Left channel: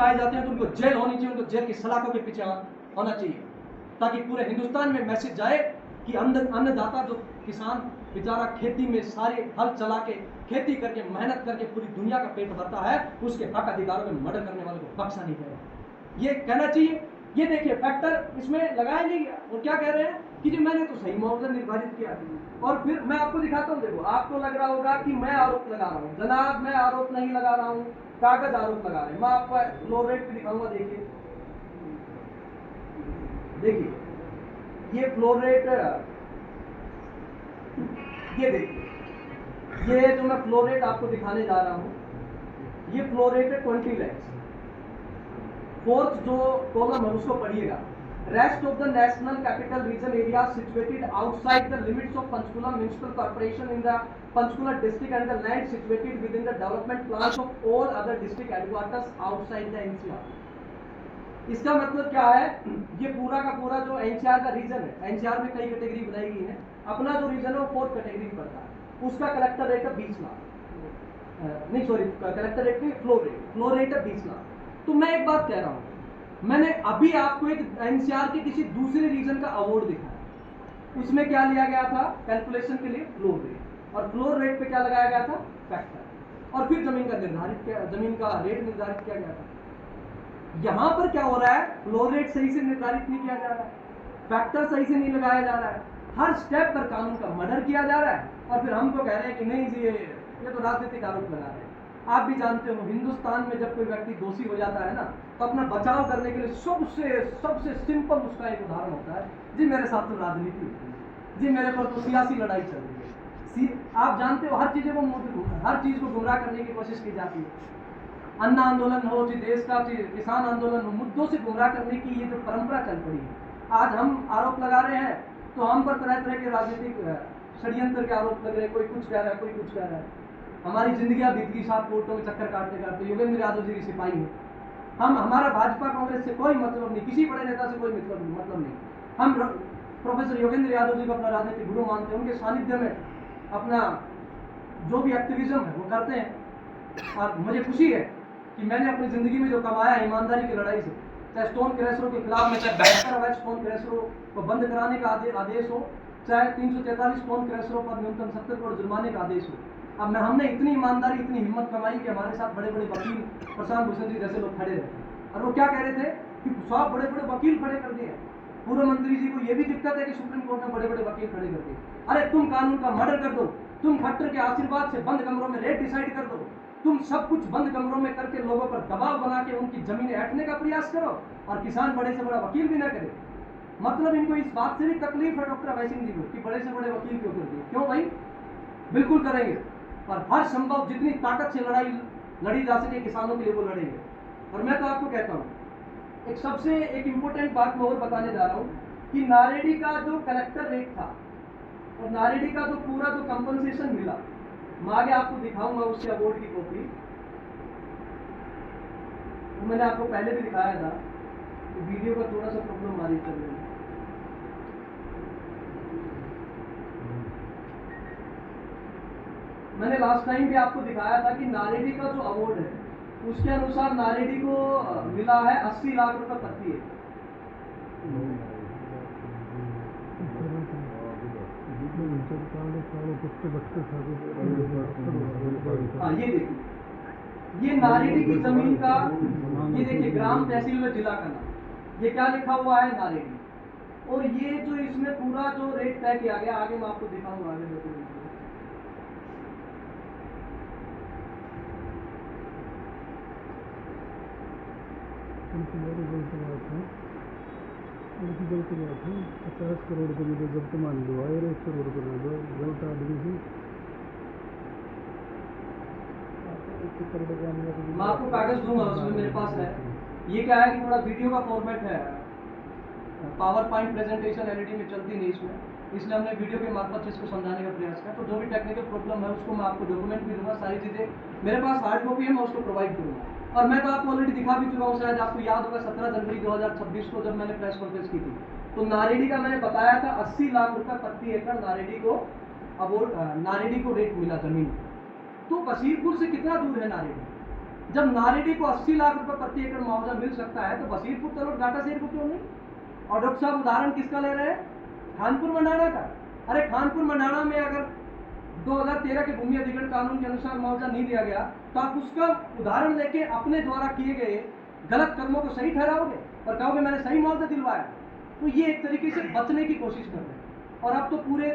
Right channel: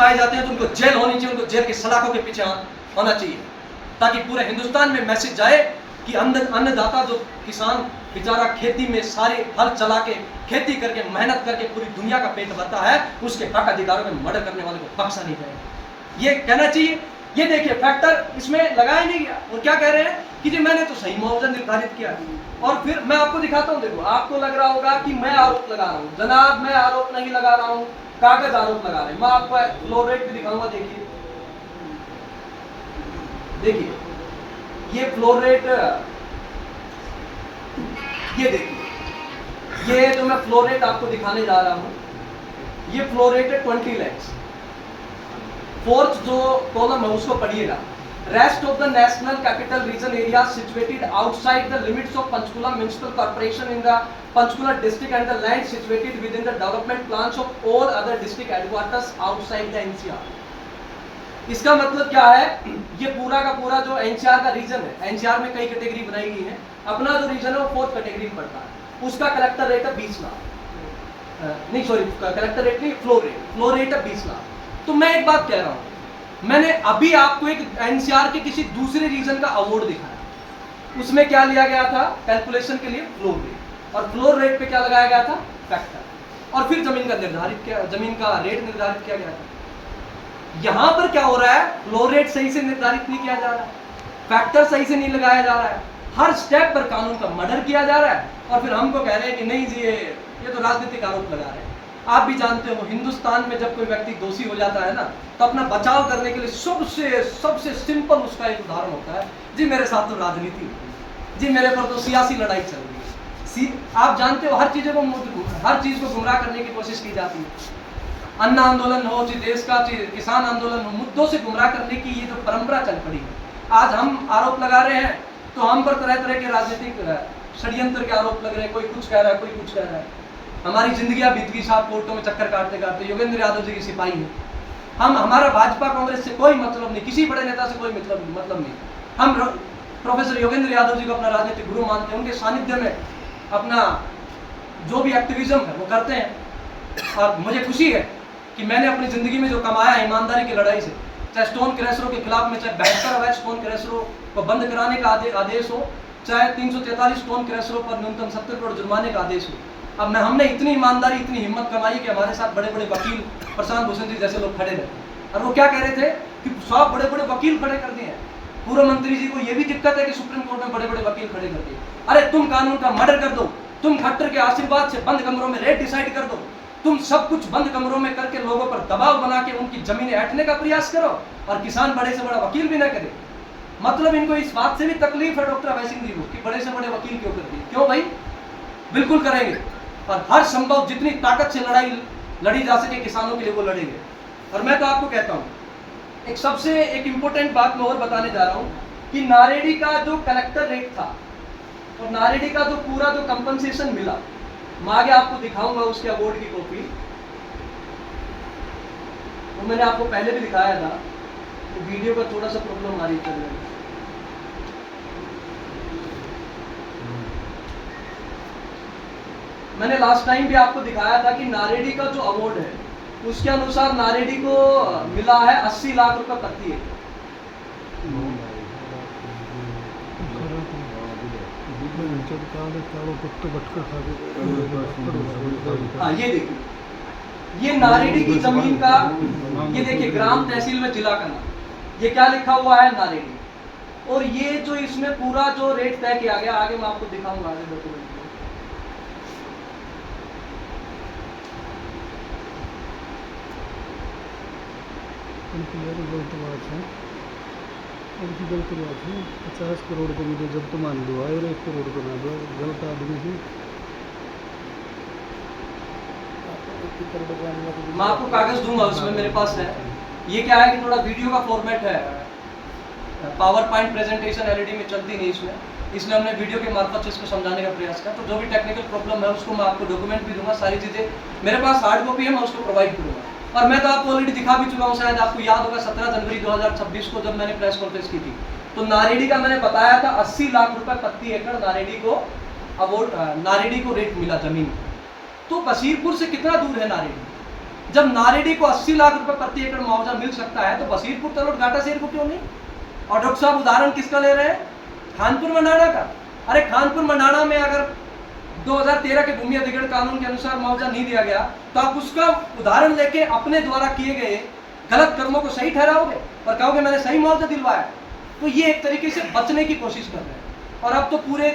पाए जाते हैं तो उनको जेल होनी चाहिए, उनको जेल के सलाखों के पीछे होना चाहिए, ताकि पूरे हिंदुस्तान में मैसेज जाए कि अन्नदाता जो किसान बेचारा खेती में सारे हल चला के खेती करके मेहनत करके पूरी दुनिया का पेट भरता है, उसके हक अधिकारों में मर्डर करने वाले को बख्शा नहीं जाएगा, ये कहना चाहिए। ये देखिए फैक्टर इसमें लगाया नहीं गया, और क्या कह रहे हैं कि जी मैंने तो सही मुआवजा निर्धारित किया। और फिर मैं आपको दिखाता हूँ, देखो आपको लग रहा होगा कि मैं आरोप लगा रहा हूँ, जनाब मैं आरोप नहीं लगा रहा हूँ, कागज आरोप लगा रहे हैं। मैं आपको फ्लो रेट भी दिखाऊंगा, देखिए देखिए ये फ्लो रेट, ये देखिए ये जो मैं फ्लो रेट आपको दिखाने जा रहा हूँ, ये फ्लो रेट है 20 lakhs। फोर्थ जो कॉलम है उसको पढ़िएगा, rest of the national capital region area situated outside the limits of Panchkula municipal corporation in the Panchkula district and the land situated with in the development plans of all other district headquarters outside the NCR. इसका मतलब क्या है, ये पूरा का पूरा जो NCR का रीजन है, एनसीआर में कई कैटेगरी बनाई गई है, अपना जो रीजन है वो 4th कैटेगरी में पड़ता है, उसका कलेक्टर रेट है 20 लाख, नहीं सॉरी कलेक्टर रेट नहीं, फ्लो रेट है 20 लाख। तो मैं एक बात कह रहा हूं, मैंने अभी आपको एक एनसीआर के किसी दूसरे रीजन का अवार्ड दिखाया, उसमें क्या लिया गया था कैलकुलेशन के लिए फ्लोर रेट, और फ्लोर रेट पे क्या लगाया गया था फैक्टर, और फिर जमीन का रेट निर्धारित किया गया था। यहां पर क्या हो रहा है, फ्लोर रेट सही से निर्धारित नहीं किया जा रहा है, फैक्टर सही से नहीं लगाया जा रहा है, हर स्टेप पर कानून का मर्डर किया जा रहा है, और फिर हमको कह रहे हैं कि नहीं जी ये तो राजनीतिक आरोप लगा रहे हैं। आप भी जानते हो हिंदुस्तान में जब कोई व्यक्ति दोषी हो जाता है ना, तो अपना बचाव करने के लिए सबसे सिंपल उसका एक उदाहरण होता है, जी मेरे साथ तो राजनीति होती है, जी मेरे पर तो सियासी लड़ाई चल रही है। आप जानते हो हर चीज को गुमराह करने की कोशिश की जाती है, अन्न आंदोलन हो, देश का किसान आंदोलन हो, मुद्दों से गुमराह करने की ये जो परंपरा चल पड़ी है। आज हम आरोप लगा रहे हैं तो हम पर तरह तरह के राजनीतिक षड्यंत्र के आरोप लग रहे हैं, कोई कुछ कह रहा है, कोई कुछ कह रहा है। हमारी जिंदगियां बीत गई साहब कोर्टों में चक्कर काटते काटते, योगेंद्र यादव जी की सिपाही है हम, हमारा भाजपा कांग्रेस से कोई मतलब नहीं, किसी बड़े नेता से कोई मतलब नहीं। हम प्रोफेसर योगेंद्र यादव जी को अपना राजनीतिक गुरु मानते हैं, उनके सानिध्य में अपना जो भी एक्टिविज्म है वो करते हैं। और मुझे खुशी है कि मैंने अपनी जिंदगी में जो कमाया है ईमानदारी की लड़ाई से, चाहे स्टोन क्रैशरों के खिलाफ में, चाहे 72 अवैध स्टोन क्रैशरों को बंद कराने का आदेश हो, चाहे 343 स्टोन क्रैशरों पर न्यूनतम 70 करोड़ जुर्माने का आदेश हो। अब हमने इतनी ईमानदारी इतनी हिम्मत कमाई कि हमारे साथ बड़े बड़े वकील प्रशांत भूषण जी जैसे लोग खड़े रहते हैं, और वो क्या कह रहे थे कि सब बड़े बड़े वकील खड़े कर दिए हैं, पूर्व मंत्री जी को ये भी दिक्कत है कि सुप्रीम कोर्ट में बड़े बड़े वकील खड़े कर दिए। अरे तुम कानून का मर्डर कर दो, तुम खट्टर के आशीर्वाद से बंद कमरों में रेट डिसाइड कर दो, तुम सब कुछ बंद कमरों में करके लोगों पर दबाव बना के उनकी जमीनें ऐंठने का प्रयास करो, और किसान बड़े से बड़ा वकील भी ना करे। मतलब इनको इस बात से भी तकलीफ है डॉक्टर अभय सिंह जी को कि बड़े से बड़े वकील क्यों कर दिए। क्यों भाई, बिल्कुल करेंगे, और हर संभव जितनी ताकत से लड़ाई लड़ी जा सके किसानों के लिए वो लड़ेंगे। और मैं तो आपको कहता हूँ एक इंपॉर्टेंट बात मैं और बताने जा रहा हूँ कि नारेडी का जो कलेक्टर रेट था और नारेडी का जो पूरा जो कंपनसेशन मिला, मैं आगे आपको दिखाऊंगा उसके अवार्ड की कॉपी, वो मैंने आपको पहले भी दिखाया था, तो वीडियो का थोड़ा सा प्रॉब्लम आ रही चल रही है। मैंने लास्ट टाइम भी आपको दिखाया था कि नारेडी का जो अवार्ड है उसके अनुसार नारेडी को मिला है 80 लाख रुपए प्रति एकड़। हाँ ये देखिए, ये नारेडी की जमीन का, ये देखिए ग्राम तहसील में जिला का नाम, ये क्या लिखा हुआ है नारेडी, और ये जो इसमें पूरा जो रेट तय किया गया, आगे मैं आपको दिखाऊंगा आगे डॉक्यूमेंट। गलत बात है, उनकी गलत बात है। 50 करोड़ को मुझे जब तो मान दो और 1 करोड़ को ना दो, गलत आदमी से। मैं आपको कागज दूंगा, उसमें मेरे पास है। ये क्या है कि थोड़ा वीडियो का फॉर्मेट है, पावर पॉइंट प्रेजेंटेशन एलईडी में चलती नहीं इसमें, इसलिए हमने वीडियो के मार्फत से इसको समझाने का प्रयास किया। तो जो भी टेक्निकल प्रॉब्लम है उसको मैं आपको डॉक्यूमेंट भी दूंगा, सारी चीज़ें मेरे पास हार्ड कॉपी है, मैं उसको प्रोवाइड करूँगा। और मैं तो आपको ऑलरेडी दिखा भी चुका हूँ, शायद आपको याद होगा 17 जनवरी 2026 को जब मैंने प्रेस कॉन्फ्रेंस की थी, तो नारेडी का मैंने बताया था 80 लाख रुपए प्रति एकड़ नारेडी को अवार्ड, नारेडी को रेट मिला जमीन। तो बशीरपुर से कितना दूर है नारेडी? जब नारेडी को 80 लाख रुपए प्रति एकड़ मुआवजा मिल सकता है तो बसीरपुर तलोट घाटा शेर को क्यों नहीं? और डॉक्टर साहब उदाहरण किसका ले रहे हैं? खानपुर मंडाणा का। अरे खानपुर मंडाणा में अगर 2013 के भूमि अधिग्रहण कानून के अनुसार मुआवजा नहीं दिया गया तो आप उसका उदाहरण लेके अपने द्वारा किए गए गलत कर्मों को सही ठहराओगे और कहोगे मैंने सही मुआवजा दिलवाया। तो ये एक तरीके से बचने की कोशिश कर रहे हैं और अब तो पूरे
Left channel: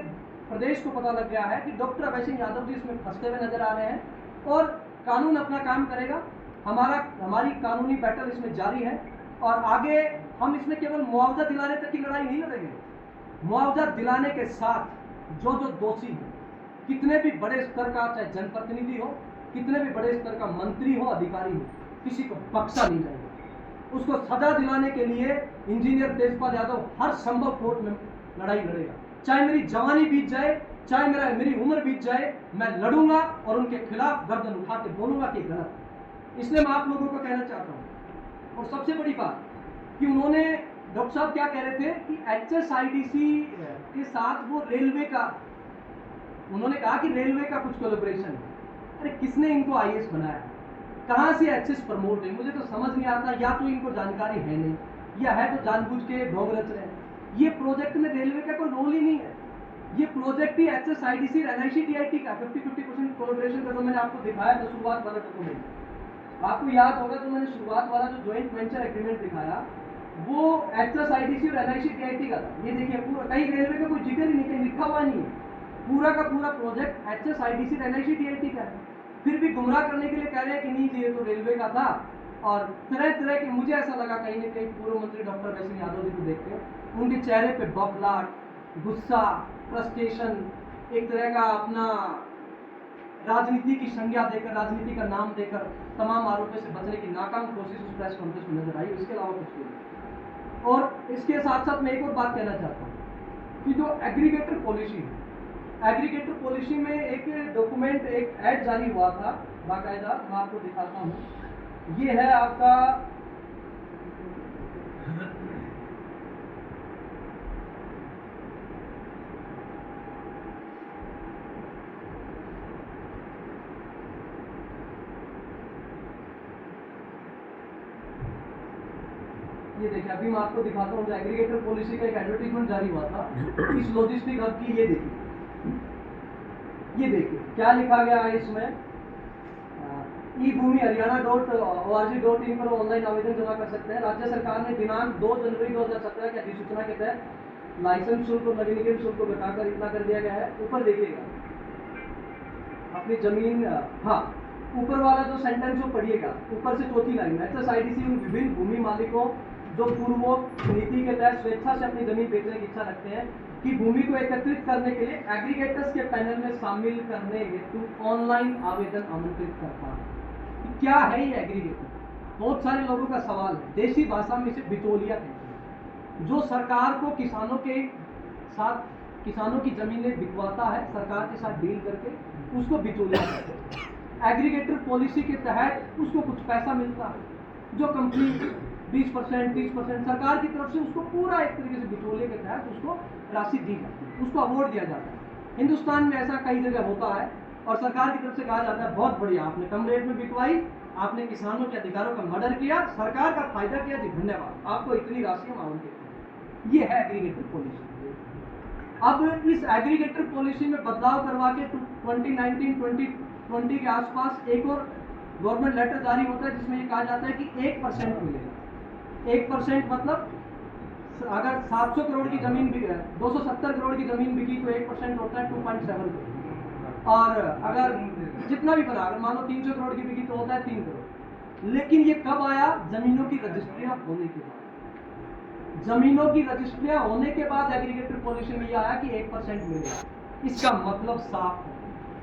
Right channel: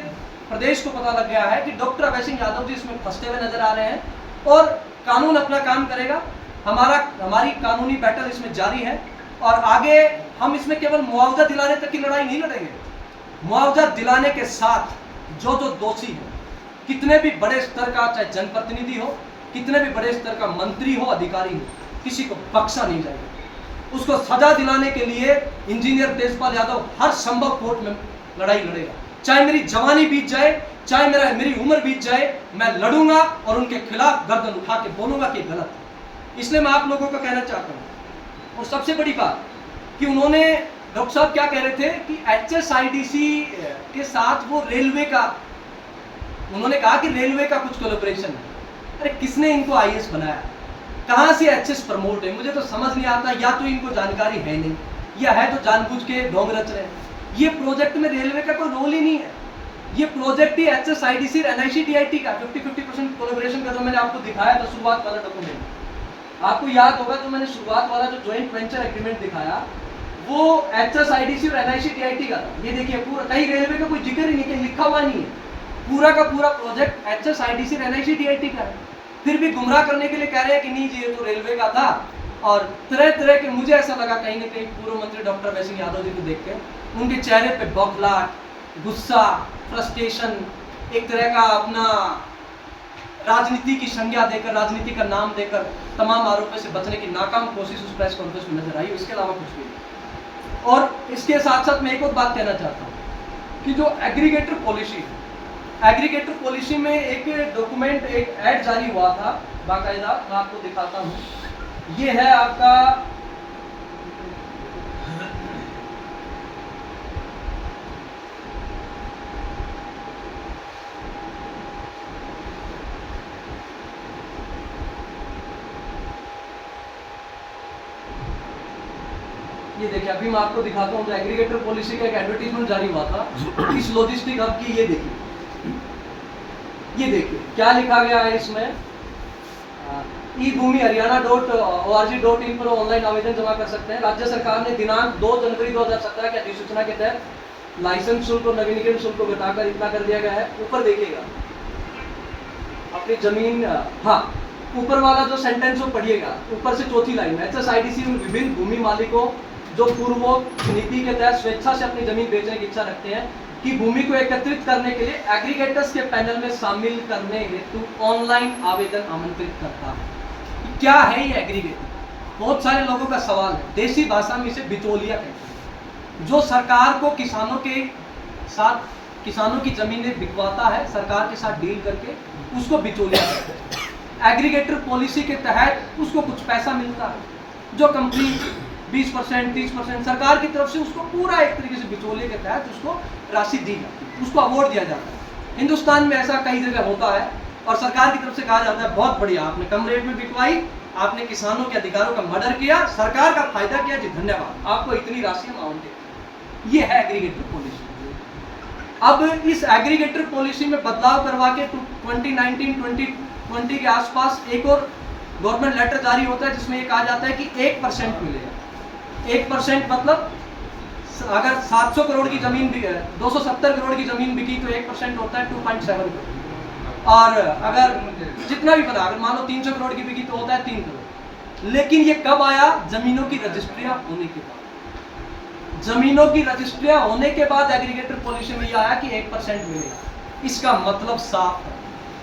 प्रदेश को पता लग गया है कि डॉक्टर अभय सिंह यादव जी इसमें फंसते हुए नजर आ रहे हैं और कानून अपना काम करेगा। हमारी कानूनी बैटल इसमें जारी है और आगे हम इसमें केवल मुआवजा दिलाने तक की लड़ाई नहीं लड़ेंगे। मुआवजा दिलाने के साथ जो दोषी है, कितने भी बड़े स्तर का चाहे जनप्रतिनिधि हो, कितने भी बड़े स्तर का मंत्री हो, अधिकारी हो, किसी को बख्शा नहीं जाएगा। उसको सजा दिलाने के लिए इंजीनियर तेजपाल यादव हर संभव कोर्ट में लड़ाई लड़ेगा। चाहे मेरी जवानी बीत जाए, चाहे मेरी उम्र बीत जाए, मैं लड़ूंगा और उनके खिलाफ गर्दन उठा के बोलूंगा कि गलत है। इसलिए मैं आप लोगों को कहना चाहता हूं। और सबसे बड़ी बात कि उन्होंने डॉक्टर साहब क्या कह रहे थे कि HSIDC के साथ वो रेलवे का, उन्होंने कहा कि रेलवे का कुछ कोलैबोरेशन है। अरे किसने इनको IAS बनाया? कहां से HS प्रमोट है? मुझे तो समझ नहीं आता। या तो इनको जानकारी है नहीं या है तो जानबूझ के ढोंग रच रहे हैं। ये प्रोजेक्ट में रेलवे का कोई रोल ही नहीं है। ये प्रोजेक्ट ही HSIDC और NICTIT का 50-50% कोलैबोरेशन का जो मैंने आपको दिखाया था शुरुआत वाला डॉक्यूमेंट, आपको याद होगा जो मैंने शुरुआत वाला जो ज्वाइंट वेंचर एग्रीमेंट दिखाया वो HSIDC और NICTIT का था। ये देखिए पूरा, कहीं रेलवे का कोई जिक्र ही नहीं, कहीं लिखा हुआ नहीं है। पूरा का पूरा प्रोजेक्ट HSIDC और NICTIT का है। फिर भी गुमराह करने के लिए कह रहे हैं कि नहीं जी ये तो रेलवे का था। और तरह तरह के, मुझे ऐसा लगा कहीं ना कहीं पूर्व मंत्री डॉक्टर अभय सिंह यादव जी को देख के उनके चेहरे पे बौखलाहट, गुस्सा, फ्रस्ट्रेशन, एक तरह का अपना राजनीति की संज्ञा देकर, राजनीति का नाम देकर तमाम आरोपों से बचने की नाकाम कोशिश उस प्रेस कॉन्फ्रेंस में नजर आई। इसके अलावा कुछ भी नहीं। और इसके साथ साथ मैं एक और बात कहना चाहता हूँ कि जो एग्रीगेटर पॉलिसी है, एग्रीगेटर पॉलिसी में एक डॉक्यूमेंट, एक ऐड जारी हुआ था बाकायदा, मैं आपको दिखाता हूँ। ये है आपका ये देखिए, अभी मैं आपको दिखाता हूँ जो एग्रीगेटर पॉलिसी का एक एडवर्टीजमेंट जारी हुआ था इस लॉजिस्टिक हब की। ये देखिए क्या लिखा गया है इसमें। ई-भूमि हरियाणा.org.in पर ऑनलाइन आवेदन जमा कर सकते हैं। राज्य सरकार ने दिनांक 2 जनवरी 2017 की अधिसूचना के तहत लाइसेंस शुल्क और नवीनीकरण शुल्क को घटाकर इतना कर दिया गया है। ऊपर देखिएगा अपनी जमीन, हाँ ऊपर वाला जो सेंटेंस वो पढ़िएगा, ऊपर से चौथी लाइन में HSIDC विभिन्न भूमि मालिकों जो पूर्वोक्त नीति के तहत स्वेच्छा से अपनी जमीन बेचने की इच्छा रखते हैं कि भूमि को एकत्रित करने के लिए एग्रीगेटर्स के पैनल में शामिल करने हेतु ऑनलाइन आवेदन आमंत्रित करता है। क्या है ये एग्रीगेटर? बहुत सारे लोगों का सवाल है। देसी भाषा में इसे बिचौलिया कहते हैं, जो सरकार को किसानों के साथ, किसानों की जमीनें बिकवाता है सरकार के साथ डील करके, उसको बिचौलिया कहते हैं। एग्रीगेटर पॉलिसी के तहत उसको कुछ पैसा मिलता है, जो कंपनी 20%, 30% सरकार की तरफ से उसको पूरा एक तरीके से बिचौलिए के तहत उसको राशि दी जाती है, उसको अवार्ड दिया जाता है। हिंदुस्तान में ऐसा कई जगह होता है और सरकार की तरफ से कहा जाता है बहुत बढ़िया, आपने कम रेट में बिकवाई, आपने किसानों के अधिकारों का मर्डर किया, सरकार का फायदा किया जी, धन्यवाद, आपको इतनी राशि हम आवंटित। ये है एग्रीगेटर पॉलिसी। अब इस एग्रीगेटर पॉलिसी में बदलाव करवा के 2019-2020 के आसपास एक और गवर्नमेंट लेटर जारी होता है जिसमें ये कहा जाता है कि 1% मिलेगा। 1% मतलब अगर 700 करोड़ की जमीन 270 करोड़ की जमीन बिकी तो 1% होता है 2.7 करोड़। और अगर जितना भी बना, अगर मान लो 300 करोड़ की बिकी तो होता है 3 करोड़। लेकिन ये कब आया? जमीनों की रजिस्ट्रियां होने के बाद। जमीनों की रजिस्ट्रियां होने के बाद एग्रीगेटर पॉलिसी में यह आया कि 1% मिलेगा। इसका मतलब साफ है,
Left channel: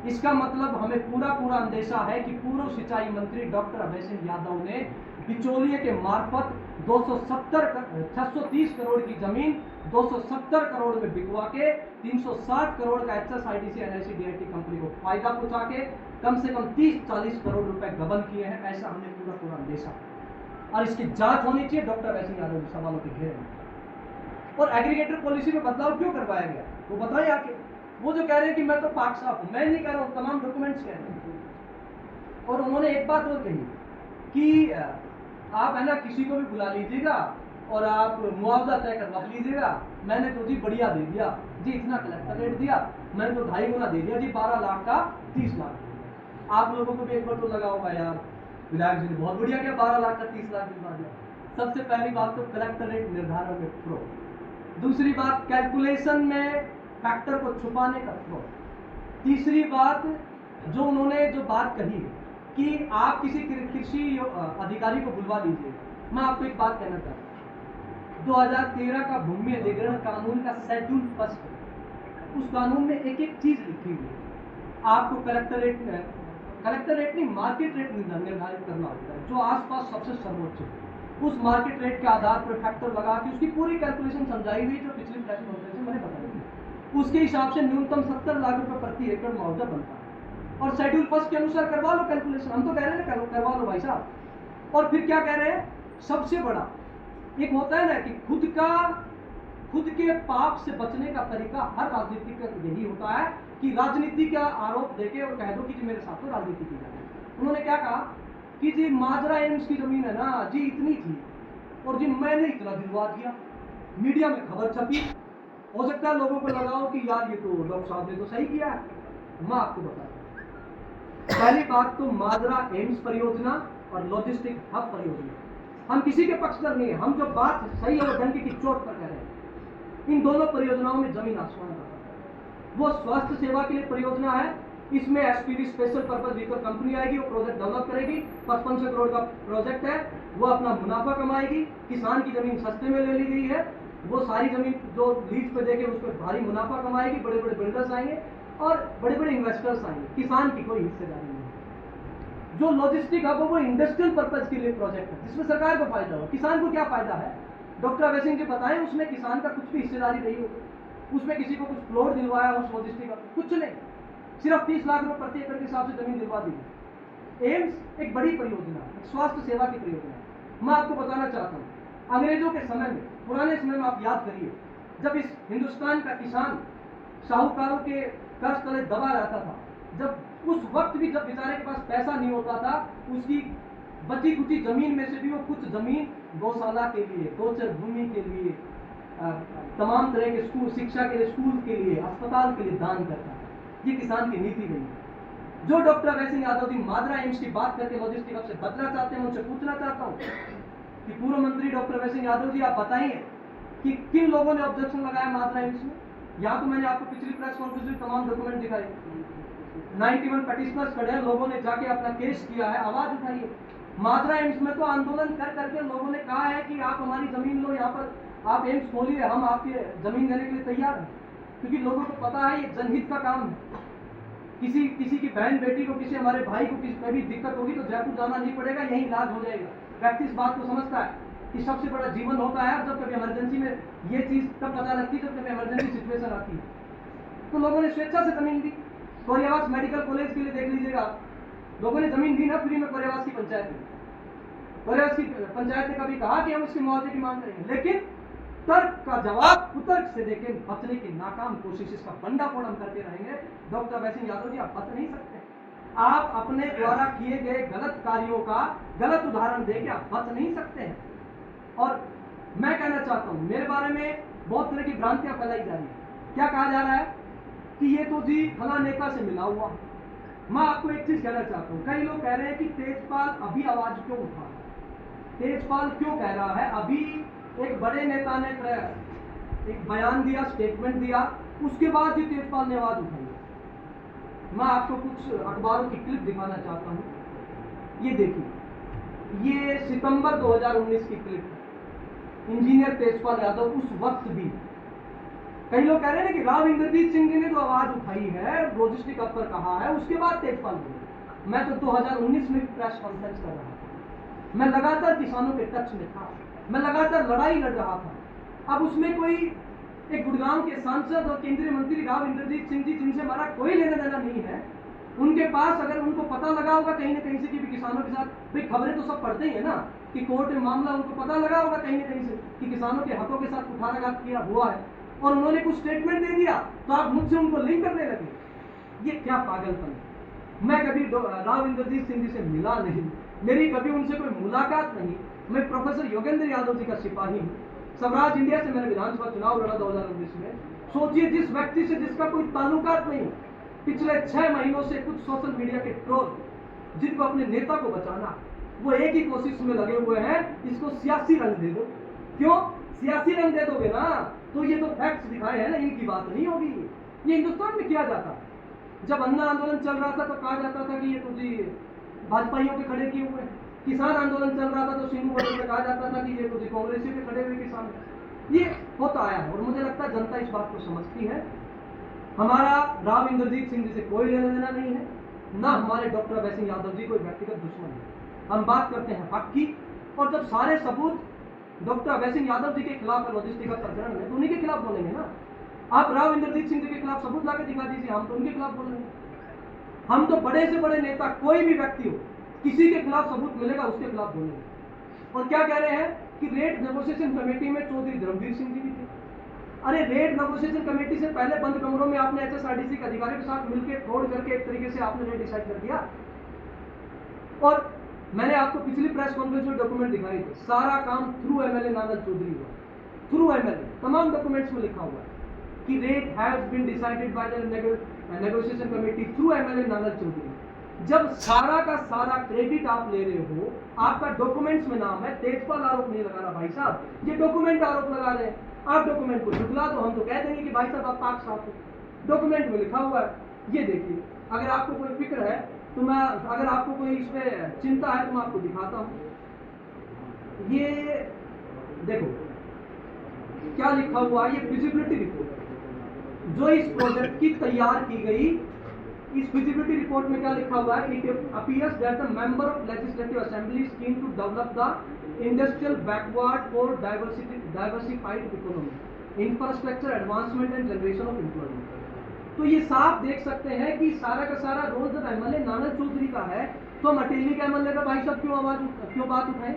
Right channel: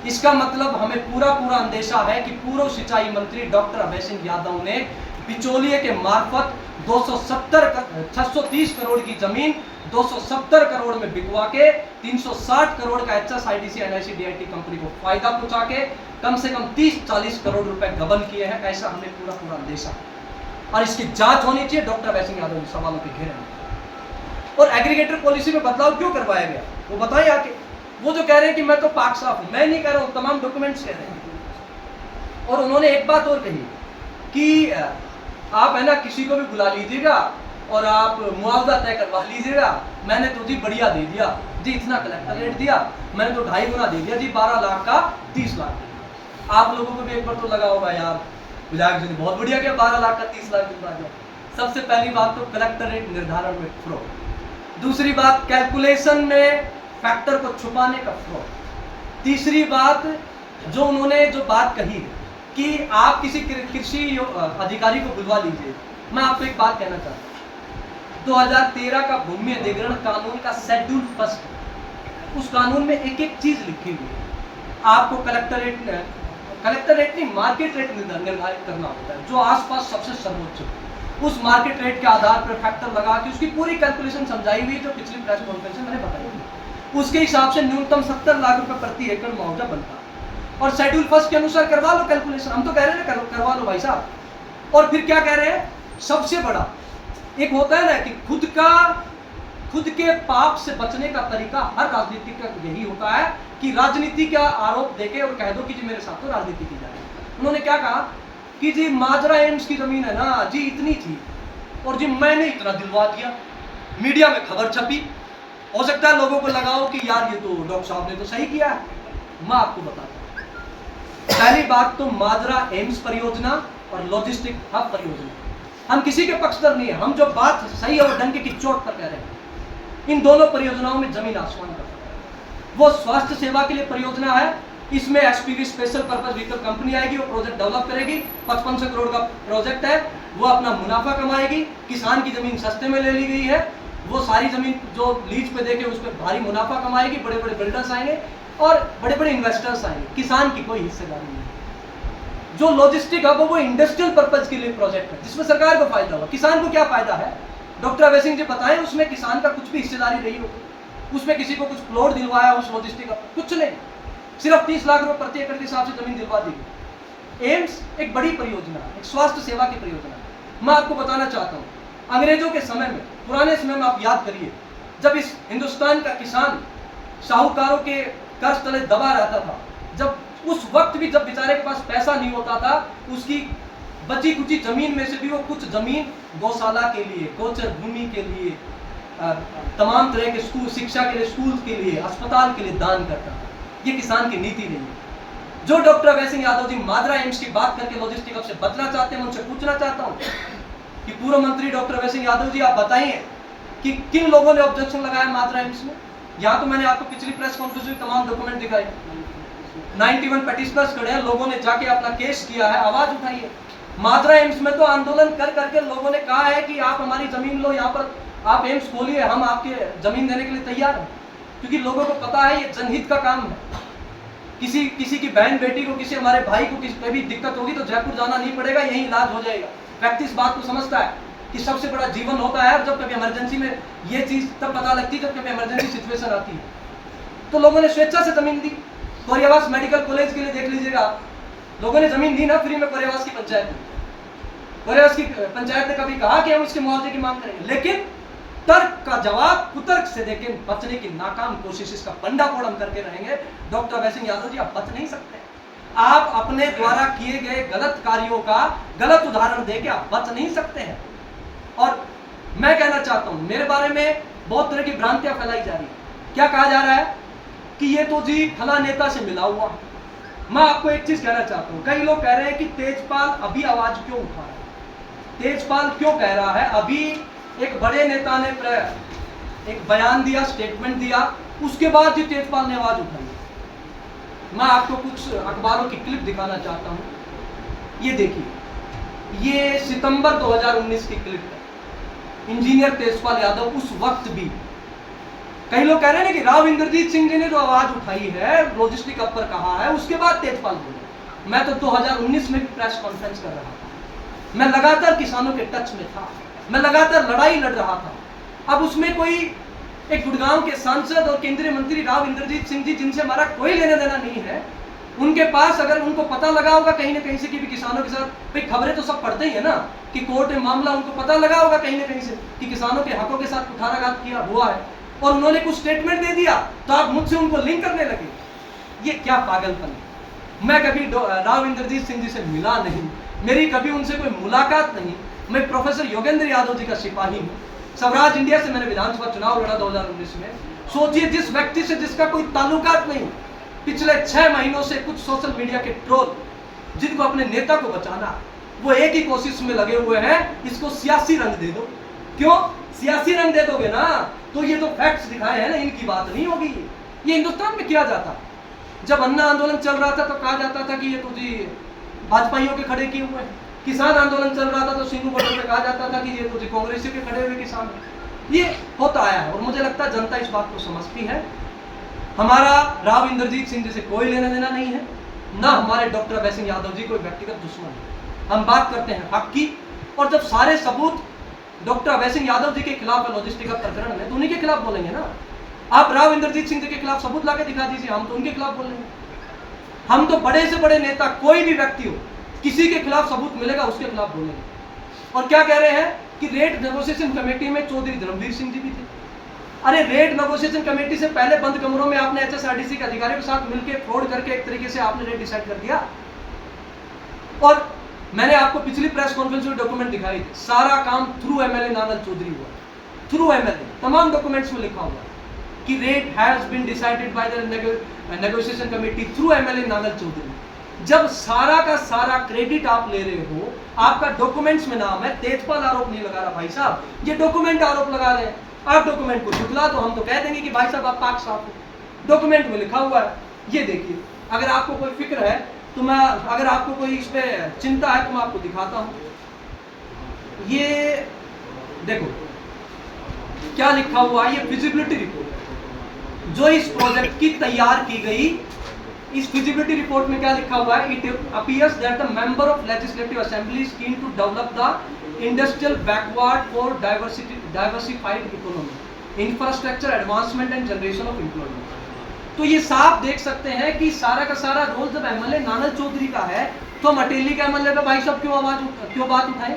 इसका मतलब हमें पूरा अंदेशा है कि पूर्व सिंचाई मंत्री डॉक्टर अभय सिंह यादव ने बिचौलिए के मार्फत 630 करोड़ की जमीन 270 करोड़ में बिकवा के 360 करोड़ का HSIDC NICTIT कंपनी को फायदा पहुंचा के कम से कम 30-40 करोड़ रुपए गबन किए हैं। ऐसा हमें पूरा अंदेशा, और इसकी जांच होनी चाहिए डॉक्टर अभय सिंह यादव सवालों के घेरे में। और एग्रीगेटर पॉलिसी में बदलाव क्यों करवाया गया वो बताएं आके। वो जो कह रहे हैं कि मैं तो पाक साफ हूं, मैं नहीं कह रहा हूं, तमाम डॉक्यूमेंट्स कह रहे हैं। और उन्होंने एक बात और कही कि आप है ना किसी को भी बुला लीजिएगा और आप मुआवजा तय करवा लीजिएगा, मैंने तो जी बढ़िया दे दिया जी, इतना कलेक्टर रेट दिया, मैंने तो 2.5 गुना दे दिया जी, 12 लाख का 30 लाख दे दिया। आप लोगों को भी एक बार तो लगा होगा यार विधायक जी ने बहुत बढ़िया किया, 12 लाख का 30 लाख दिलवा दिया। सबसे पहली बात तो कलेक्टर रेट निर्धारण में फ्रॉड, दूसरी बात कैलकुलेशन में फैक्टर को छुपाने का फ्रॉड, तीसरी बात जो उन्होंने जो बात कही है कि आप किसी कृषि अधिकारी को बुलवा लीजिए। मैं आपको एक बात कहना चाहता हूँ, 2013 का भूमि अधिग्रहण कानून का शेड्यूल फर्स्ट, उस कानून में एक एक चीज लिखी हुई है। आपको कलेक्टर रेट नहीं मार्केट रेट निर्धारित करना होता है, जो आसपास सबसे सर्वोच्च हो। उस मार्केट रेट के आधार पर फैक्टर लगा के उसकी पूरी कैलकुलेशन समझाई हुई है, जो पिछली प्रेस कॉन्फ्रेंस में मैंने बताई थी। उसके हिसाब से न्यूनतम 70 लाख रुपए प्रति एकड़ मुआवजा बनता है, और शेड्यूल फर्स्ट के अनुसार करवा लो कैलकुलेशन। हम तो कह रहे हैं करवा लो भाई साहब। और फिर क्या कह रहे हैं, सबसे बड़ा एक होता है ना कि खुद के पाप से बचने का तरीका हर राजनीति का यही होता है कि राजनीति का आरोप देके और कह दो कि जी मेरे साथ तो राजनीति की जाए। उन्होंने क्या कहा कि जी माजरा एम्स की जमीन है ना जी इतनी थी और जी मैंने इतना दिलवा दिया, मीडिया में खबर छपी, हो सकता है लोगों को लगाओ कि यार ये तो डॉक्टर साहब ने तो सही किया है। मैं आपको बताता हूं, पहली बात तो माजरा एम्स परियोजना और लॉजिस्टिक हब परियोजना, हम किसी के पक्षधर नहीं है, हम जो बात सही है वो डंके की चोट पर कह रहे हैं। इन दोनों परियोजनाओं में जमीन आसमान का फर्क है। वो स्वास्थ्य सेवा के लिए परियोजना है, इसमें SPV special purpose vehicle company आएगी, वो प्रोजेक्ट डेवलप करेगी, 5500 करोड़ का प्रोजेक्ट है, वो अपना मुनाफा कमाएगी। किसान की जमीन सस्ते में ले ली गई है, वो सारी जमीन जो लीज पे देके उस पर भारी मुनाफा कमाएगी, बड़े बड़े बिल्डर्स आएंगे और बड़े बड़े इन्वेस्टर्स आएंगे, किसान की कोई हिस्सेदारी नहीं है। जो लॉजिस्टिक हब वो इंडस्ट्रियल पर्पज के लिए प्रोजेक्ट है, जिसमें सरकार को फायदा हुआ, किसान को क्या फायदा है? डॉक्टर अभय सिंह जी बताएं, उसमें किसान का कुछ भी हिस्सेदारी रही हो, उसमें किसी को कुछ प्लॉट दिलवाया उस लॉजिस्टिक हब, कुछ नहीं, सिर्फ 30 लाख रुपए प्रति एकड़ के हिसाब से जमीन दिलवा दी। एम्स एक बड़ी परियोजना है, एक स्वास्थ्य सेवा की परियोजना है। मैं आपको बताना चाहता हूँ, अंग्रेजों के समय में, पुराने समय में आप याद करिए, जब इस हिंदुस्तान का किसान साहूकारों के कर्ज तले दबा रहता था, जब उस वक्त भी जब बेचारे के पास पैसा नहीं होता था, उसकी बची कुची जमीन में से भी वो कुछ जमीन गौशाला के लिए, गोचर भूमि के लिए, तमाम तरह के स्कूल, शिक्षा के लिए, स्कूल के लिए, अस्पताल के लिए दान करता था। ये किसान की नीति नहीं है। जो डॉक्टर अभय सिंह यादव जी माजरा एम्स की बात करके लॉजिस्टिक हब से बचना चाहते हैं, मैं उनसे पूछना चाहता हूँ कि पूर्व मंत्री डॉक्टर अभय सिंह यादव जी आप बताइए कि किन लोगों ने ऑब्जेक्शन लगाया माजरा एम्स में। यहाँ तो मैंने आपको पिछली प्रेस कॉन्फ्रेंस में तमाम डॉक्यूमेंट दिखाए, 91 पेटिशनर्स खड़े हैं, लोगों ने जाके अपना केस किया है, आवाज उठाई है। माजरा एम्स में तो आंदोलन कर करके लोगों ने कहा है कि आप हमारी जमीन लो, यहाँ पर आप एम्स खोलिए, हम आपके जमीन देने के लिए तैयार हैं, क्योंकि लोगों को पता है ये जनहित का काम है। किसी की बहन बेटी को, किसी हमारे भाई को किसी पे भी दिक्कत होगी तो जयपुर जाना नहीं पड़ेगा, यही इलाज हो जाएगा। व्यक्ति इस बात को समझता है कि सबसे बड़ा जीवन होता है, और जब कभी इमरजेंसी में ये चीज तब पता लगती है जब कभी इमरजेंसी सिचुएशन आती है। तो लोगों ने स्वेच्छा से जमीन दी। कोरियावास मेडिकल कॉलेज के लिए देख लीजिएगा, लोगों ने जमीन दी ना फ्री में, कोरियावास की पंचायत में। कोरियावास की पंचायत ने कभी कहा कि हम इसके मुआवजे की मांग करेंगे, लेकिन तर्क का जवाब कुतर्क से देकर बचने की नाकाम कोशिश, इसका बंडाफोड़ हम करके रहेंगे। डॉक्टर अभय सिंह यादव जी आप बच नहीं सकते। आप अपने द्वारा किए गए गलत कार्यों का गलत उदाहरण देके आप बच नहीं सकते हैं। और मैं कहना चाहता हूं, मेरे बारे में बहुत तरह की भ्रांतियां फैलाई जा रही है। क्या कहा जा रहा है कि ये तो जी फला नेता से मिला हुआ। मैं आपको एक चीज कहना चाहता हूं, कई लोग कह रहे हैं कि तेजपाल अभी आवाज क्यों उठा रहा है, तेजपाल क्यों कह रहा है। अभी एक बड़े नेता ने एक बयान दिया, स्टेटमेंट दिया, उसके बाद ही तेजपाल ने आवाज उठाई। मैं आपको कुछ अखबारों की क्लिप दिखाना चाहता हूं। ये देखिए, ये सितंबर 2019 की क्लिप है। इंजीनियर तेजपाल यादव उस वक्त भी, कई लोग कह रहे हैं कि राव इंद्रजीत सिंह जी ने जो आवाज उठाई है, लॉजिस्टिक हब पर कहा है, उसके बाद तेजपाल बोले। मैं तो 2019 में भी प्रेस कॉन्फ्रेंस कर रहा था, मैं लगातार किसानों के टच में था, मैं लगातार लड़ाई लड़ रहा था। अब उसमें कोई एक गुड़गांव के सांसद और केंद्रीय मंत्री राव इंद्रजीत सिंह जी, जिनसे हमारा कोई लेना देना नहीं है, उनके पास अगर उनको पता लगा होगा कहीं ना कहीं से कि भी किसानों के साथ, भाई खबरें तो सब पढ़ते ही है ना, कि कोर्ट में मामला, उनको पता लगा होगा कहीं ना कहीं से कि किसानों के हकों के साथ कुठाराघात किया हुआ है, और उन्होंने कुछ स्टेटमेंट दे दिया तो आप मुझसे उनको लिंक करने लगे। ये क्या पागलपन है। मैं कभी राव इंद्रजीत सिंह जी से मिला नहीं, मेरी कभी उनसे कोई मुलाकात नहीं। मैं प्रोफेसर योगेंद्र यादव जी का सिपाही हूँ। स्वराज इंडिया से मैंने विधानसभा चुनाव लड़ा 2019 में। सोचिए, जिस व्यक्ति से जिसका कोई ताल्लुकात नहीं, पिछले 6 महीनों से कुछ सोशल मीडिया के ट्रोल जिनको अपने नेता को बचाना, वो एक ही कोशिश में लगे हुए हैं, इसको सियासी रंग दे दो। क्यों सियासी रंग दे दोगे ना, तो ये तो फैक्ट्स दिखाए हैं ना, इनकी बात नहीं होगी। ये हिंदुस्तान में किया जाता। जब अन्ना आंदोलन चल रहा था तो कहा जाता था कि ये तो जी भाजपाइयों के खड़े किए हुए हैं। किसान आंदोलन चल रहा था तो सीनू बॉर्डर पे कहा जाता था कि ये तो जी कांग्रेसियों के खड़े हुए किसान। ये होता आया है और मुझे लगता है जनता इस बात को समझती है। हमारा राव इंद्रजीत सिंह जी से कोई लेना देना नहीं है, ना हमारे डॉक्टर अभय सिंह यादव जी कोई व्यक्तिगत दुश्मन है। हम बात करते हैं हक की, और जब सारे सबूत डॉक्टर अभय सिंह यादव जी के खिलाफ लॉजिस्टिक का प्रकरण है तो उन्हीं के खिलाफ बोलेंगे ना। आप राव इंद्रजीत सिंह जी के खिलाफ सबूत लाके दिखा दीजिए, हम तो उनके खिलाफ बोलेंगे। हम तो बड़े से बड़े नेता, कोई भी व्यक्ति हो, किसी के खिलाफ सबूत मिलेगा उसके खिलाफ बोलेंगे। और क्या कह रहे हैं कि रेट नेगोशिएशन कमेटी में चौधरी धर्मवीर सिंह जी भी थे। अरे रेट नेगोशिएशन कमेटी से पहले बंद कमरों में आपने एचएसआरटीसी के अधिकारियों के साथ मिलकर फ्रॉड करके एक तरीके से आपने रेट डिसाइड कर दिया। और मैंने आपको पिछली प्रेस कॉन्फ्रेंस में डॉक्यूमेंट दिखाई थे, सारा काम थ्रू एमएलए नांगल चौधरी हुआ, थ्रू एमएलए, तमाम डॉक्यूमेंट्स में लिखा हुआ है कि rate has been decided by the negotiation committee through MLA Nangal Chaudhary. जब सारा का सारा क्रेडिट आप ले रहे हो, आपका डॉक्यूमेंट्स में नाम है, तेजपाल आरोप नहीं लगा रहा भाई साहब, ये डॉक्यूमेंट आरोप लगा रहे हैं। आप डॉक्यूमेंट को झुकला तो हम तो कह देंगे कि भाई साहब आप पाक साफ हो, डॉक्यूमेंट में लिखा हुआ है। ये देखिए, अगर आपको कोई फिक्र है तो मैं, अगर आपको कोई इस पे चिंता है तो मैं आपको दिखाता हूं। ये देखो क्या लिखा हुआ है, ये फिजिबिलिटी रिपोर्ट जो इस प्रोजेक्ट की तैयार की गई। इस फिजिबिलिटी रिपोर्ट में क्या लिखा हुआ है, it appears that the member of legislative assembly is keen to develop the industrial backward for diversified economy, infrastructure advancement and generation of employment. तो ये साफ देख सकते हैं कि सारा का सारा रोल जब एमएलए नांगल चौधरी का है तो हम अटेली के एमएलए पे भाई साहब क्यों बात उठाएं।